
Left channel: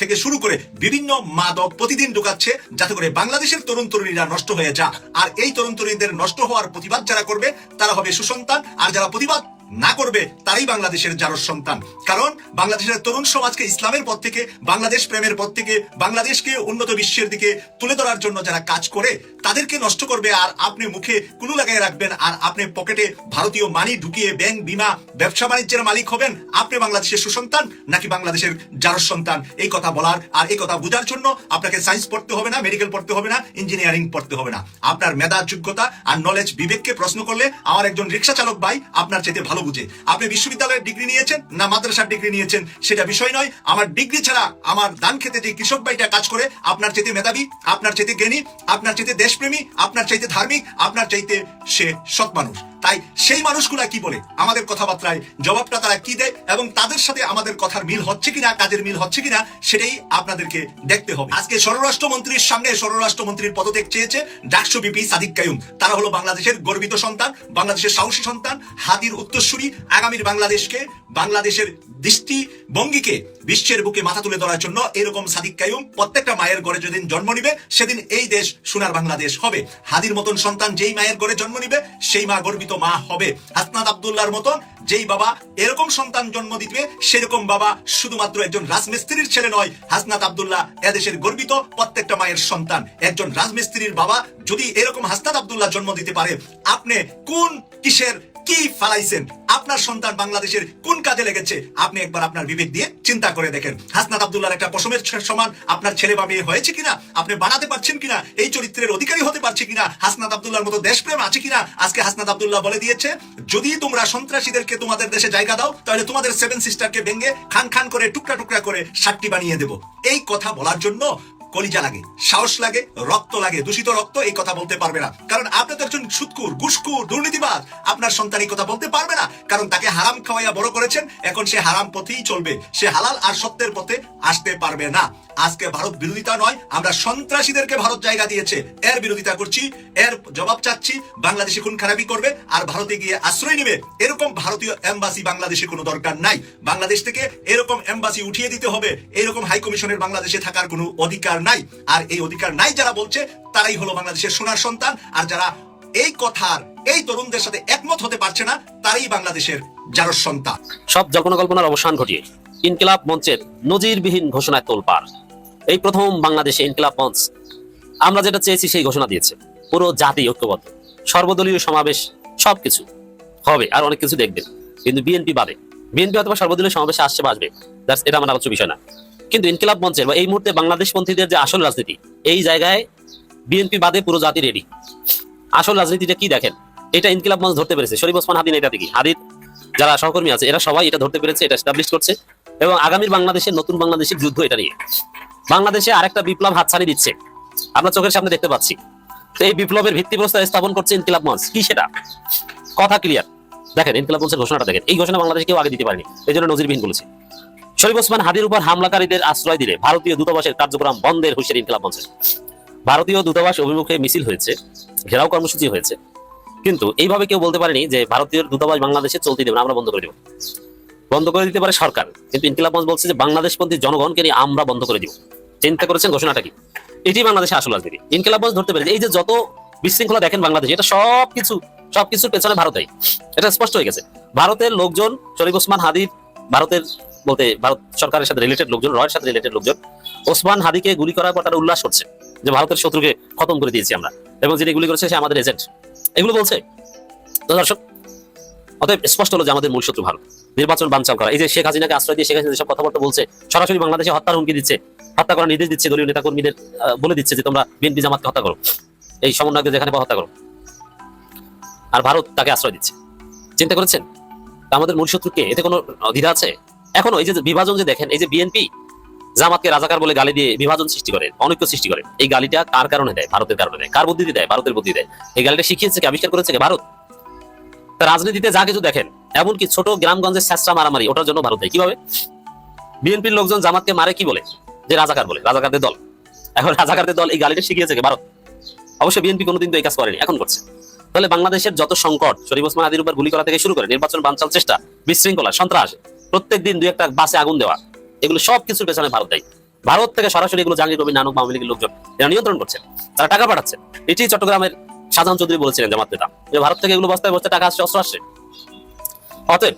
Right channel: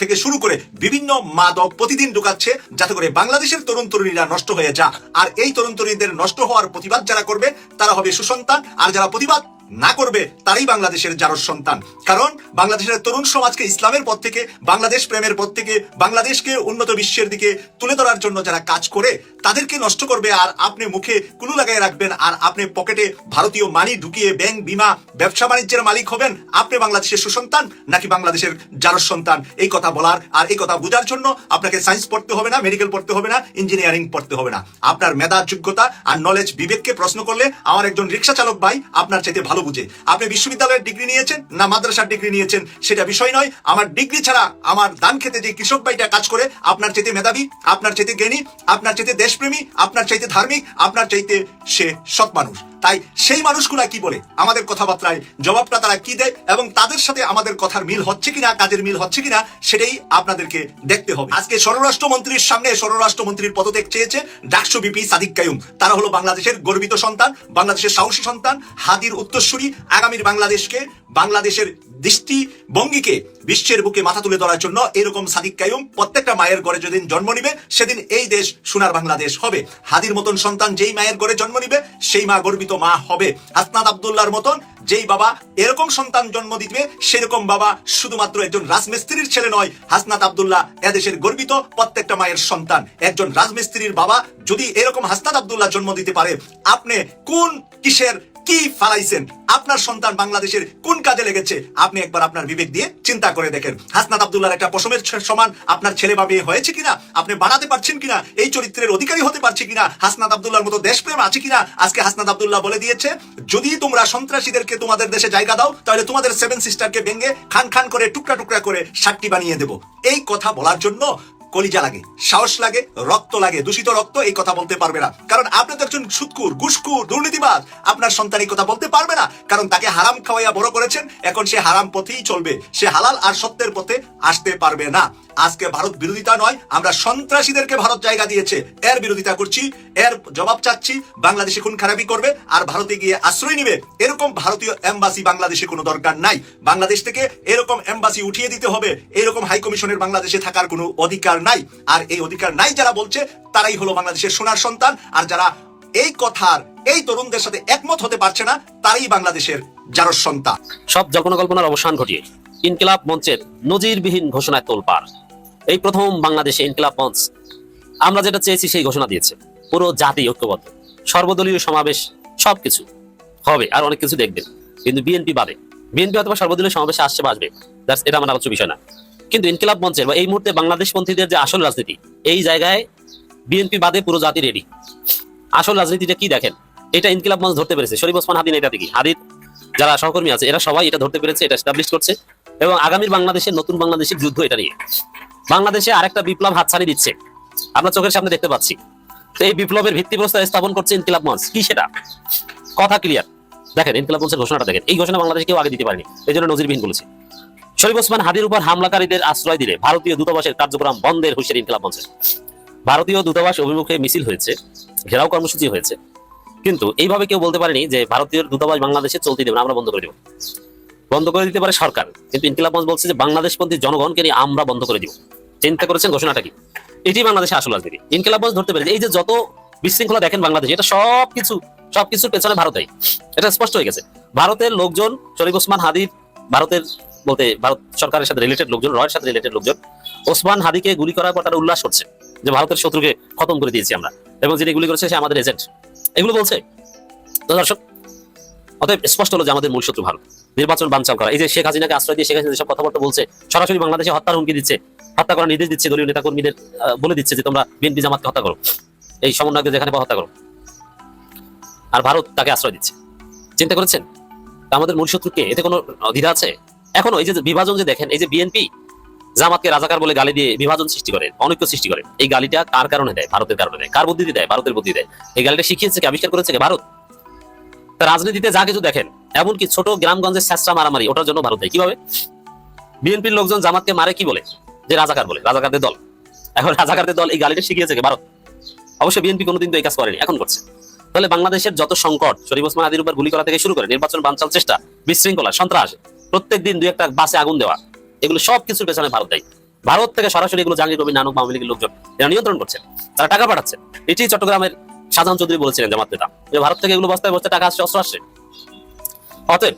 থেকে শুরু করে বিভিন্ন মাদক প্রতিদিন ঢুকাচ্ছে, যাতে করে বাংলাদেশের তরুণ তরুণীরা নষ্ট হয়ে যা। আর এই তরুণ তরুণীদের নষ্ট হওয়ার প্রতিবাদ যারা করবে তারা হবে সুসন্তান, আর যারা প্রতিবাদ না করবে তারাই বাংলাদেশের জারজ সন্তান। কারণ বাংলাদেশের তরুণ সমাজকে ইসলামের পথ থেকে, বাংলাদেশ প্রেমের পথ থেকে, বাংলাদেশকে উন্নত বিশ্বের দিকে তুলে ধরার জন্য যারা কাজ করে তাদেরকে নষ্ট করবে। আর আপনি মুখে কুলু লাগাই রাখবেন, আর আপনি পকেটে ভারতীয় মানি ঢুকিয়ে ব্যাংক, বিমা, ব্যবসা বাণিজ্যের মালিক হবেন। আপনি বাংলাদেশের সুসন্তান নাকি বাংলাদেশের জারজ সন্তান, এই কথা বলার আর এই কথা বোঝার জন্য আপনাকে সায়েন্স পড়তে হবে না, মেডিকেল পড়তে হবে না, ইঞ্জিনিয়ারিং পড়তে হবে না। আপনার মেধা, যোগ্যতা আর নলেজ, বিবেককে প্রশ্ন করলে আমার একজন রিক্সা চালক ভাই আপনার চাইতে ভালো বুঝে। আপনি বিশ্ববিদ্যালয়ের ডিগ্রি নিয়েছেন না মাদ্রাসার ডিগ্রি নিয়েছেন সেটা বিষয় নয়। আমার ডিগ্রি ছাড়া আমার ধান খেতে যে কৃষক ভাইটা কাজ করে আপনার চাইতে মেধাবী, আপনার চাইতে জ্ঞানী, আপনার চাইতে দেশপ্রেমী, আপনার চাইতে ধার্মিক, আপনার চাইতে সে সৎ মানুষ। তাই সেই মানুষগুলা কি বলে, আমাদের কথাবার্তায় জবাবটা তারা কি দেয় এবং তাদের সাথে আমাদের কথার মিল হচ্ছে কিনা, কাজের মিল হচ্ছে কিনা সেটাই আপনাদেরকে দেখতে হবে। আজকে স্বরাষ্ট্রমন্ত্রীর সামনে স্বরাষ্ট্রমন্ত্রীর পদত্যাগ চেয়েছে ডাকসু বিপি সাদিক কায়ুম। তারা হলো বাংলাদেশের গর্বিত সন্তান, বাংলাদেশের সাহসী সন্তান, হাদির উত্তরসূরি। আগামীর বাংলাদেশকে, বাংলাদেশের দৃষ্টিভঙ্গিকে বিশ্বের বুকে মাথা তুলে ধরার জন্য এরকম সাদিক কায়ুম প্রত্যেকটা মায়ের ঘরে যেদিন জন্ম নিবে সেদিন এই দেশ সোনার বাংলাদেশ হবে। হাদির মতন সন্তান যেই মায়ের ঘরে জন্ম নিবে সেই মা গর্বিত মা হবে। হাসনাত আব্দুল্লাহর মতন যেই বাবা এরকম সন্তান জন্ম দিবে সেরকম বাবা শুধুমাত্র একজন রাজমিস্ত্রির ছেলে নয়। হাসনাত আব্দুল্লাহ এদেশের গর্বিত প্রত্যেকটা মায়ের সন্তান। একজন রাজমিস্ত্রির বাবা যদি এরকম হাসনাত আব্দুল্লাহ জন্ম দিতে পারে, আপনি কোন কিসের কি ফালাইছেন? আপনার সন্তান বাংলাদেশের কোন কাজে লেগেছে? আপনি একবার আপনার বিবেক দিয়ে চিন্তা করে দেখেন। হাসনাত আব্দুল্লাহর একটা পশমের সমান আপনার ছেলে বা মেয়ে হয়েছে কিনা, আপনি বানাতে পারছেন কিনা, এই চরিত্রের অধিকারী হতে পারছে কিনা, হাসনাত আব্দুল্লাহর মতো দেশপ্রেম আছে কিনা? আজকে হাসনাত আব্দুল্লাহ বলে দিয়েছে, যদি তোমরা সন্ত্রাসীদেরকে তোমাদের দেশে জায়গা দাও তাহলে তোমাদের 7 সিস্টারকে ভেঙে খান খান করে টুকরা টুকরা করে 60টি বানিয়ে দেব। এই কথা বলার জন্য কলিজা লাগে, সাহস লাগে, রক্ত লাগে। দূষিত রক্ত এই কথা বলতে পারবে না, কারণ আপনি তো একজন সুদকুর, ঘুষখোর, দুর্নীতিবাজ। আপনার সন্তান এই কথা বলতে পারবে না, কারণ তাকে হারাম খাওয়াইয়া বড় করেছেন। এখন সে হারাম পথেই চলবে, সে হালাল আর সত্যের পথে আসতে পারবে না। আজকে ভারত বিরোধিতা নয়, আমরা সন্ত্রাসীদেরকে ভারত জায়গা দিয়েছে, এর বিরোধিতা করছি, এর জবাব চাচ্ছি। বাংলাদেশে খুন খারাপি করবে আর ভারতে গিয়ে আশ্রয় নিবে, এরকম ভারতীয় এম্বাসি বাংলাদেশে কোনো দরকার নাই। বাংলাদেশ থেকে এরকম এম্বাসি উঠিয়ে দিতে হবে, এরকম হাই কমিশনের বাংলাদেশে থাকার কোনো অধিকার নাই। আর এই অধিকার নাই যারা বলছে তারাই হলো বাংলাদেশের সোনার সন্তান। আর যারা এই কথার এই তরুণদের সাথে একমত হতে পারছে না তারাই বাংলাদেশের জারজ সন্তান। সব জল্পনা কল্পনার অবসান ঘটিয়ে ইনকিলাব মঞ্চের নজিরবিহীন ঘোষণায় তোলপাড়। এই প্রথম বাংলাদেশে ইনকিলাব মঞ্চ আমরা যেটা চেয়েছি সেই ঘোষণা দিয়েছে। পুরো জাতি ঐক্যবদ্ধ, সর্বদলীয় সমাবেশ, সবকিছু হবে, আর অনেক কিছু দেখবেন। কিন্তু বিএনপি বাদে, বিএনপি অথবা সর্বদলীয় সমাবেশে আসছে বা আসবে, এটা আমার আলোচ্য বিষয় না। কিন্তু ইনকিলাব মঞ্চের বা এই মুহূর্তে বাংলাদেশপন্থীদের যে আসল রাজনীতি, এই জায়গায় বিএনপি বাদে পুরো জাতি রেডি। আসল রাজনীতিটা কি দেখেন, এটা ইনকিলাব মঞ্চ ধরতে পেরেছে। শরীফ ওসমান হাদি নেতা থেকে হাদির যারা সহকর্মী আছে এরা সবাই এটা ধরতে পেরেছে, এটা এস্টাবলিশ করছে। এবং আগামীর বাংলাদেশের নতুন বাংলাদেশের যুদ্ধ এটা নিয়ে বাংলাদেশে আরেকটা বিপ্লব হাতছানি দিচ্ছে, আমরা চোখের সামনে দেখতে পাচ্ছি। তো এই বিপ্লবের ভিত্তিপ্রস্তর স্থাপন করছে ইনকিলাব মঞ্চ। কি সেটা? কথা ক্লিয়ার। দেখেন ইনকিলাব মঞ্চের ঘোষণাটা দেখেন, এই ঘোষণা বাংলাদেশে কেউ আগে দিতে পারেনি, এই জন্য নজিরবিহীন বলেছি। শরীফ ওসমান হাদির উপর হামলাকারীদের আশ্রয় দিলে ভারতীয় দূতাবাসের কার্যক্রম বন্ধের হুঁশিয়ারি ইনকিলাব মঞ্চের। ভারতীয় দূতাবাস অভিমুখে মিছিল হয়েছে, ঘেরাও কর্মসূচি হয়েছে, কিন্তু এইভাবে কেউ বলতে পারেনি যে ভারতীয় দূতাবাস বাংলাদেশে চলতে দেবে না, আমরা বন্ধ করে দেব। বন্ধ করে দিতে পারে সরকার, কিন্তু ইনকিলাব মঞ্চ বলছে যে বাংলাদেশপন্থী জনগণকে নিয়ে আমরা বন্ধ করে দিব। চিন্তা করেছেন ঘোষণাটা কি? এটি বাংলাদেশে আসল রাজনীতি। ইনকিলাব মঞ্চ ধরতে পেরেছে এই যে যত বিশৃঙ্খলা দেখেন বাংলাদেশে, এটা সবকিছুর পেছনে ভারতেই, এটা স্পষ্ট হয়ে গেছে। ভারতের লোকজন, শরীফ ওসমান হাদির, ভারতের বলতে ভারত সরকারের সাথে রিলেটেড লোকজন, রয়ের সাথে রিলেটেড লোকজন ওসমান হাদিকে গুলি করার পর তারা উল্লাস করছে যে ভারতের শত্রুকে খতম করে দিয়েছি আমরা, এবং যিনি গুলি করেছে সে আমাদের এজেন্ট, এগুলো বলছে। তো দর্শক, অতএব স্পষ্ট হলো যে আমাদের মূল শত্রু ভারত। নির্বাচন বানচাল করা, এই যে শেখ হাসিনাকে আশ্রয় দিয়ে শেখ হাসিনা যেসব কথাবার্তা বলছে, সরাসরি বাংলাদেশে হত্যার হুমকি দিচ্ছে, হত্যা করার নির্দেশ দিচ্ছে, দলীয় নেতাকর্মীদের বলে দিচ্ছে যে তোমরা বিএনপি জামাতকে হত্যা করো, এই সমন্বয়কদের যেখানে হত্যা করো, আর ভারত তাকে আশ্রয় দিচ্ছে। চিন্তা করেছেন আমাদের মূল শত্রুকে? এতে কোনো দ্বিধা আছে? এখনো এই যে বিভাজন যে দেখেন, এই যে বিএনপি জামাতকে রাজাকার বলে গালি দিয়ে বিভাজন সৃষ্টি করে, অনৈক্য সৃষ্টি করে, এই গালিটা কার কারণে দেয়? ভারতের কারণে দেয়। কার বুদ্ধিতে দেয়? ভারতের বুদ্ধি দেয়। এই গালিটা শিখিয়েছে কে, আবিষ্কার করেছে কে? ভারত। রাজনীতিতে যা কিছু দেখেন, এমনকি ছোট গ্রামগঞ্জের ছেঁচড়া মারামারি, ওটার জন্য ভারত দেয়। কিভাবে? বিএনপির লোকজন জামাতকে মারে কি বলে? যে রাজাকার বলে, রাজাকারদের দল। এখন রাজাকারদের দল এই গালিটা শিখিয়েছে কে? ভারত। অবশ্যই বিএনপি কোনোদিন তো এই কাজ করেনি, এখন করছে। তাহলে বাংলাদেশের যত সংকট, শরীফ ওসমান হাদির উপর গুলি করা থেকে শুরু করে নির্বাচন বানচাল চেষ্টা, বিশৃঙ্খলা, সন্ত্রাস, প্রত্যেকদিন দুই একটা বাসে আগুন দেওয়া, এগুলো সব কিছুর পেছনে ভারত দেয়। ভারত থেকে সরাসরি এগুলো জাহাঙ্গীর কবির নানক, আওয়ামী লীগের লোকজন এরা নিয়ন্ত্রণ করছে, তারা টাকা পাঠাচ্ছে। এটি চট্টগ্রামের শাহজাহান চৌধুরী বলেছিলেন, জামাত নেতা, যে ভারত থেকে এগুলো বস্তায় বস্তায় টাকা আসছে, অস্ত্র আসছে। অতএব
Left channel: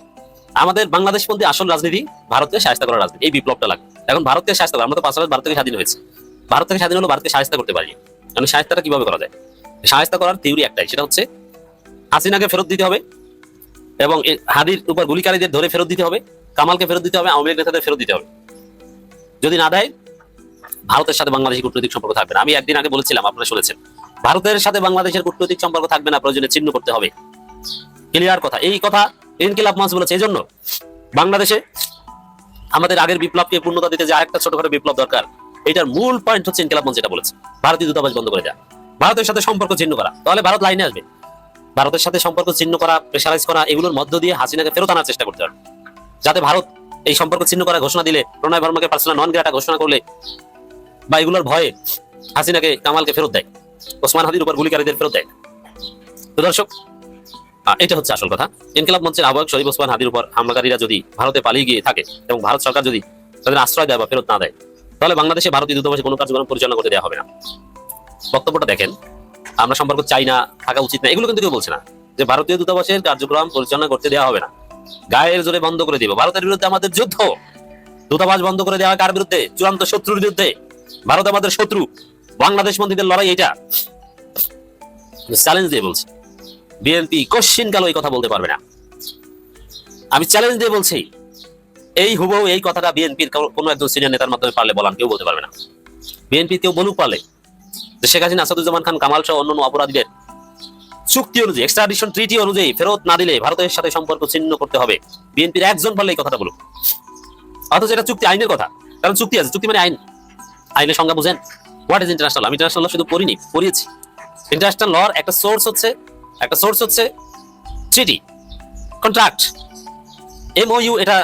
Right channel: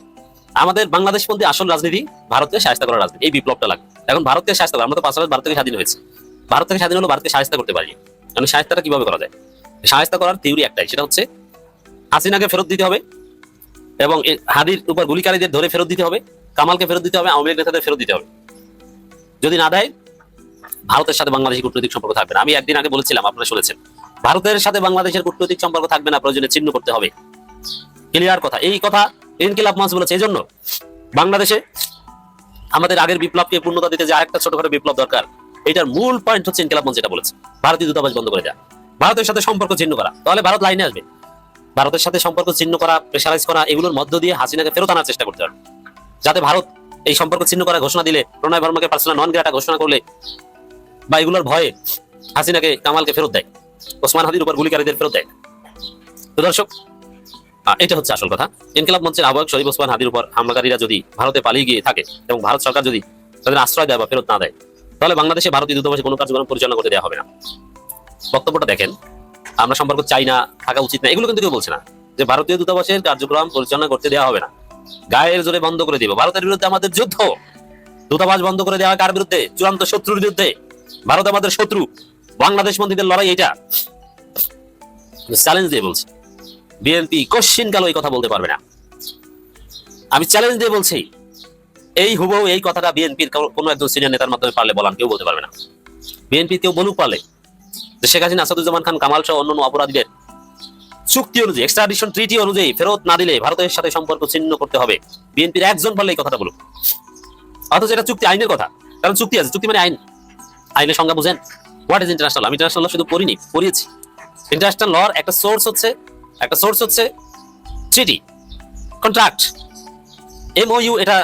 আমাদের বাংলাদেশপন্থী আসল রাজনীতি ভারতকে শায়েস্তা করার রাজনীতি। এই বিপ্লবটা লাগবে এখন ভারতকে শায়েস্তা করা। আমরা তো 5 বছর ভারত থেকে স্বাধীন হয়েছে, ভারত থেকে স্বাধীন হলো, ভারতকে শায়েস্তা করতে পারি। মানে শায়েস্তাটা কিভাবে করা যায়? শায়েস্তা করার থিওরি একটাই, সেটা হচ্ছে হাসিনাকে ফেরত দিতে হবে, এবং হাদির উপর গুলিকারীদের ধরে ফেরত দিতে হবে, কামালকে ফেরত দিতে হবে, আওয়ামী লীগ নেতাদের ফেরত দিতে হবে। যদি না দেয়, ভারতের সাথে বাংলাদেশের কূটনৈতিক সম্পর্ক থাকবে না। আমি একদিন আগে বলেছিলাম, আপনারা শুনেছেন, ভারতের সাথে বাংলাদেশের কূটনৈতিক সম্পর্ক থাকবে না, প্রয়োজনে ছিন্ন করতে হবে। ক্লিয়ার কথা। এই কথা ইনকিলাব মঞ্চ বলেছে এই জন্য বাংলাদেশে আমাদের আগের বিপ্লবকে পূর্ণতা দিতে যে আরেকটা ছোটখাটো বিপ্লব দরকার, এটার মূল পয়েন্ট হচ্ছে ইনকিলাব মঞ্চ যেটা বলেছে, ভারতীয় দূতাবাস বন্ধ করে দেওয়া, ভারতের সাথে সম্পর্ক ছিন্ন করা। তাহলে ভারত লাইনে আসবে। ভারতের সাথে সম্পর্ক ছিন্ন করা, প্রেশারাইজ করা, এগুলোর মধ্য দিয়ে হাসিনাকে ফেরত আনার চেষ্টা করতে হবে, যাতে ভারত এই সম্পর্ক ছিন্ন করার ঘোষণা দিলে, প্রণয় বর্মাকে পার্সোনাল নন গ্রেটা ঘোষণা করলে, বা এগুলোর ভয়ে হাসিনাকে, কামালকে ফেরত দেয়, ওসমান হাদির উপর গুলিকারীদের ফেরত দেয়। তো দর্শক, এটা হচ্ছে আসল কথা। ইনকিলাব মঞ্চের আহ্বায়ক শরীফ ওসমান হাদির উপর হামলাকারীরা যদি ভারতে পালিয়ে গিয়ে থাকে এবং ভারত সরকার যদি তাদের আশ্রয় দেয় বা ফেরত না দেয়, তাহলে বাংলাদেশে ভারতীয় দূতাবাসে কোনো কার্যক্রম পরিচালনা করতে দেওয়া হবে না। বক্তব্যটা দেখেন, আমরা সম্পর্ক চাই না, থাকা উচিত না, এগুলো কিন্তু কেউ বলছে না যে ভারতীয় দূতাবাসের কার্যক্রম পরিচালনা করতে দেওয়া হবে না। গায়ের জোরে বন্ধ করে দিব। ভারতের বিরুদ্ধে আমাদের যুদ্ধ, দূতাবাস বন্ধ করে দেওয়া কার বিরুদ্ধে? চূড়ান্ত শত্রুর বিরুদ্ধে। ভারত আমাদের শত্রু, বাংলাদেশ বন্দীদের লড়াই এটা। চ্যালেঞ্জ দিয়ে বলছি, বিএনপি কোশ্চিন কালো এই কথা বলতে পারবে না। আমি চ্যালেঞ্জ দিয়ে বলছি, এই হুবহু এই কথাটা বিএনপির কোনো একজন সিনিয়র নেতার মাধ্যমে পারলে বলান, কেউ বলতে পারবে না। বিএনপি কেউ বলুক পারলে যে শেখ হাসিনা, আসাদুজ্জামান খান, কামাল সহ অন্যান্য অপরাধীদের চুক্তি অনুযায়ী, এক্সট্রাডিশন ট্রিটি অনুযায়ী ফেরত না দিলে ভারতের সাথে সম্পর্ক ছিন্ন করতে হবে। বিএনপির একজন পারলে এই কথাটা বলুক। অথচ এটা চুক্তি, আইনের কথা। কারণ চুক্তি আছে, চুক্তি মানে আইন। আইনের সংজ্ঞা বুঝেন? What is international? আমি ইন্টারন্যাশনাল ল শুধু পড়িনি, পড়িয়েছি। ইন্টারন্যাশনাল লর একটা সোর্স হচ্ছে ট্রিটি, কন্ট্রাক্ট, এমওইউ। এটা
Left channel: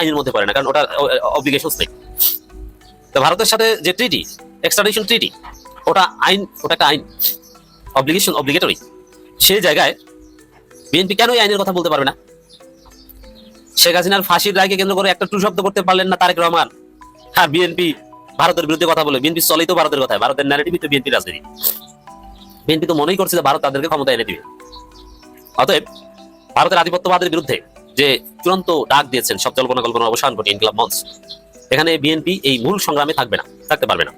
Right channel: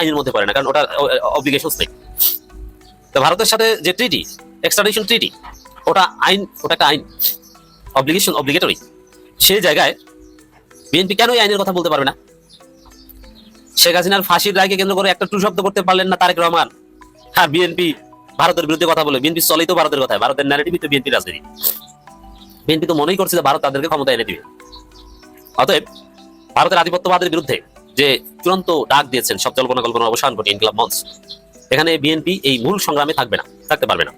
আইনের মধ্যে পড়ে না, কারণ ওটা অব্লিগেশনস নেই। তো ভারতের সাথে যে ট্রিটি, এক্সট্রাডিশন ট্রিটি, ওটা আইন, ওটা একটা আইন, অব্লিগেশন, অব্লিগেটরি। সেই জায়গায় বিএনপি কেন এই আইনের কথা বলতে পারবে না? শেখ হাসিনার ফাঁসির রায়কে কেন্দ্র করে একটা টু শব্দ করতে পারলেন না তারেক রহমান। হ্যাঁ, বিএনপি ভারতের বিরুদ্ধে কথা বলে, বিএনপি চলেই তো ভারতের কথায়, ভারতের ন্যারেটিভই তো বিএনপি রাজনীতি। বিএনপি তো মনেই করছে যে ভারত তাদেরকে ক্ষমতা এনে দিবে। অতএব ভারতের আধিপত্যবাদের বিরুদ্ধে যে চূড়ান্ত ডাক দিয়েছেন সব জল্পনা কল্পনার অবসান ঘটিয়ে ইনকিলাব মঞ্চ, এখানে বিএনপি এই মূল সংগ্রামে থাকতে পারবে না।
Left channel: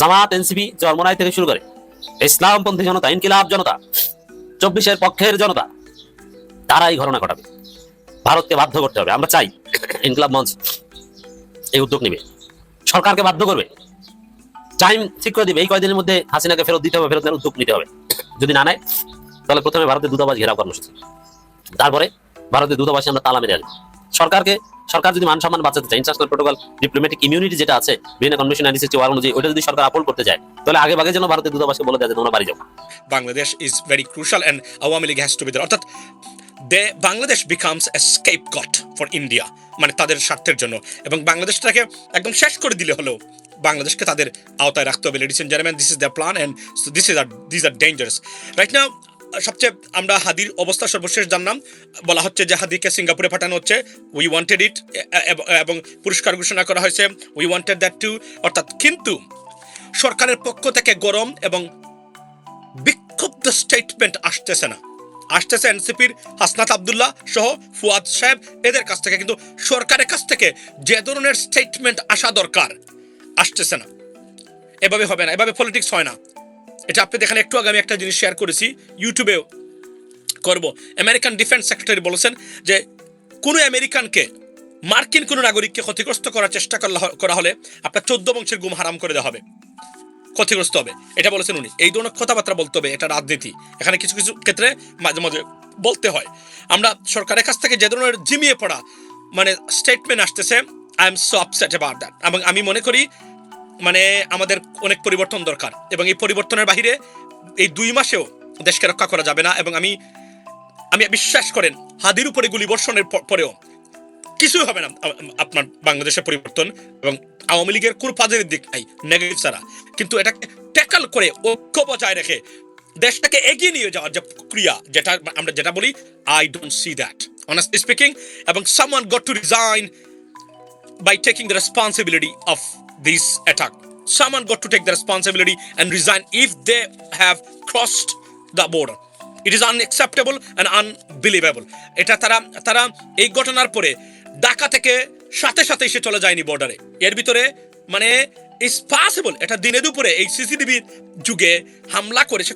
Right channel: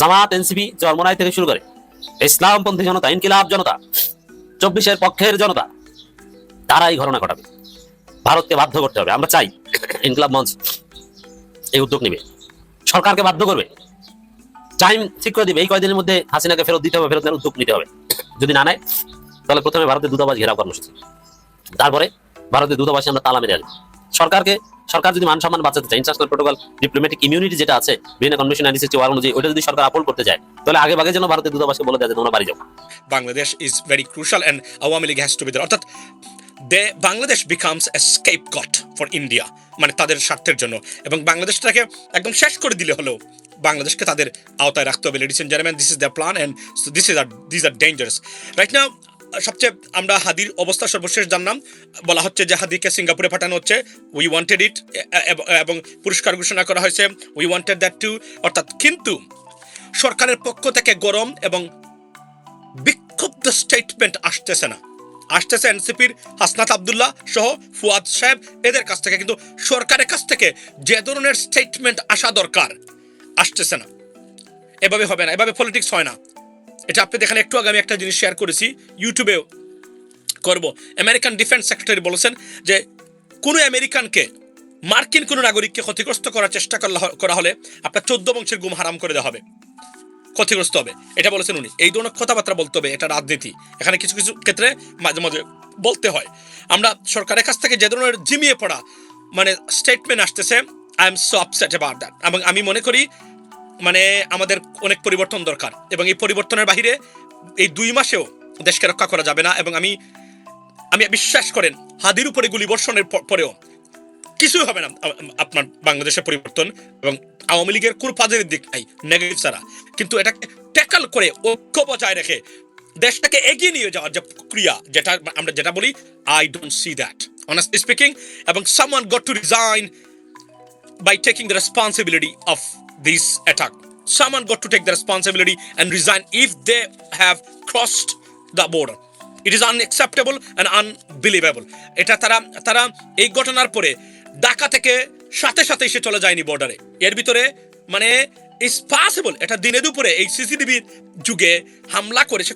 জামাত, এনসিপি, চরমনাই থেকে শুরু করে ইসলামপন্থী জনতা, ইনকিলাব জনতা, 24-এর পক্ষের জনতা, তারা এই ঘটনা ঘটাবে। ভারতকে বাধ্য করতে হবে। আমরা চাই ইনকিলাব মঞ্চ এই উদ্যোগ নেবে, সরকারকে বাধ্য করবে, টাইম ঠিক করে দিবে, এই কয়দিনের মধ্যে হাসিনাকে ফেরত দিতে হবে, ফেরত নেওয়ার উদ্যোগ নিতে হবে। যদি না নেয়, তাহলে প্রথমে ভারতের দূতাবাস ঘেরাও কর্মসূচি, তারপরে ভারতের দূতাবাসে আমরা তালা মেরে আসবো। সরকার যদি মান সম্মান বাঁচাতে চায়, ইন্টারন্যাশনাল প্রোটোকল, ডিপ্লোম্যাটিক ইমিউনিটি যেটা আছে বিভিন্ন কনভেনশন 1961 অনুযায়ী, ওটা যদি সরকার আপহোল্ড করতে যায়, তাহলে আগে ভাগে যেন ভারতের দূতাবাসকে বলে দেয় যে তোমরা বাড়ি যাও। Bangladesh is very crucial and Awami League has to be there. অর্থাৎ Bangladesh becomes a scapegoat for India, মানে তাদের স্বার্থের জন্য, এবং বাংলাদেশটাকে একদম শেষ করে দিলে হলো বাংলাদেশকে তাদের আওতায় রাখতে হবে। Ladies and gentlemen, this is their plan and so these are dangerous. Right now, সবচেয়ে আমরা হাদির অবস্থা সর্বশেষ জানলাম, বলা হচ্ছে যে হাদিকে সিঙ্গাপুরে পাঠানো হচ্ছে। উই ওয়ান্টেড ইট, এবং পুরস্কার ঘোষণা করা হয়েছে, উই ওয়ান্টেড দ্যাট টু। অর্থাৎ কিন্তু সরকারের পক্ষ থেকে গরম এবং বিক্ষুব্ধ স্টেটমেন্ট আসতেছে এনসিপির হাসনাত আব্দুল্লাহ সহ ফুয়াদ সাহেব, এদের কাছ থেকে। কিন্তু সরকারের কাছ থেকে যে ধরনের স্টেটমেন্ট আসা দরকার আসতেছে না। এভাবে হবে না, এভাবে পলিটিক্স হয় না। এটা আপনি দেখেন, একটু আগে আমি একটা জিনিস শেয়ার করেছি, ইউটিউবেও করব। আমেরিকান ডিফেন্স সেক্রেটারি বলেছেন যে কোনো আমেরিকানকে, মার্কিন কোনো নাগরিককে ক্ষতিগ্রস্ত করার চেষ্টা করা হলে আপনার 14 বংশের গুম হারাম করে দেওয়া হবে, ক্ষতিগ্রস্ত হবে। এটা বলেছেন উনি। এই ধরনের কথাবার্তা বলতে হবে, এটা রাজনীতি। এখানে কিছু কিছু ক্ষেত্রে মাঝে মাঝে বলতে হয়। আমরা সরকারের কাছ থেকে যে ধরনের জিমিয়ে পড়া মানে স্টেটমেন্ট আসতেছে, I am so upset about that. এবং আমি মনে করি মানে আমাদের অনেক পরিবর্তন দরকার, এবং এই পরিবর্তনের বাহিরে এই 2 মাসেও দেশকে রক্ষা করা যাবে না। এবং আমি বিশ্বাস করেন, হাদির উপরে গুলি বর্ষণের পরেও কিছুই হবে না আপনার বাংলাদেশের পরিবর্তন, এবং আওয়ামী লীগের কোনো পজিটিভ দিক নাই নেগেটিভ ছাড়া। কিন্তু এটাকে ট্যাকল করে ঐক্য বজায় রেখে দেশটাকে এগিয়ে নিয়ে যাওয়ার যে ক্রিয়া, আমরা যেটা বলি, I don't see that honestly speaking. এবং someone got to resign by taking the responsibility of this attack. Someone got to take the responsibility and resign if they have crossed the border. It is unacceptable and unbelievable. এটা তারা এই ঘটনার পরে ঢাকা থেকে সাথে এসে চলে যায়নি বর্ডারে। এর ভিতরে মানে ইটস পসিবল, এটা দিনে দুপুরে এই সিসিটিভির যুগে হামলা করেছে।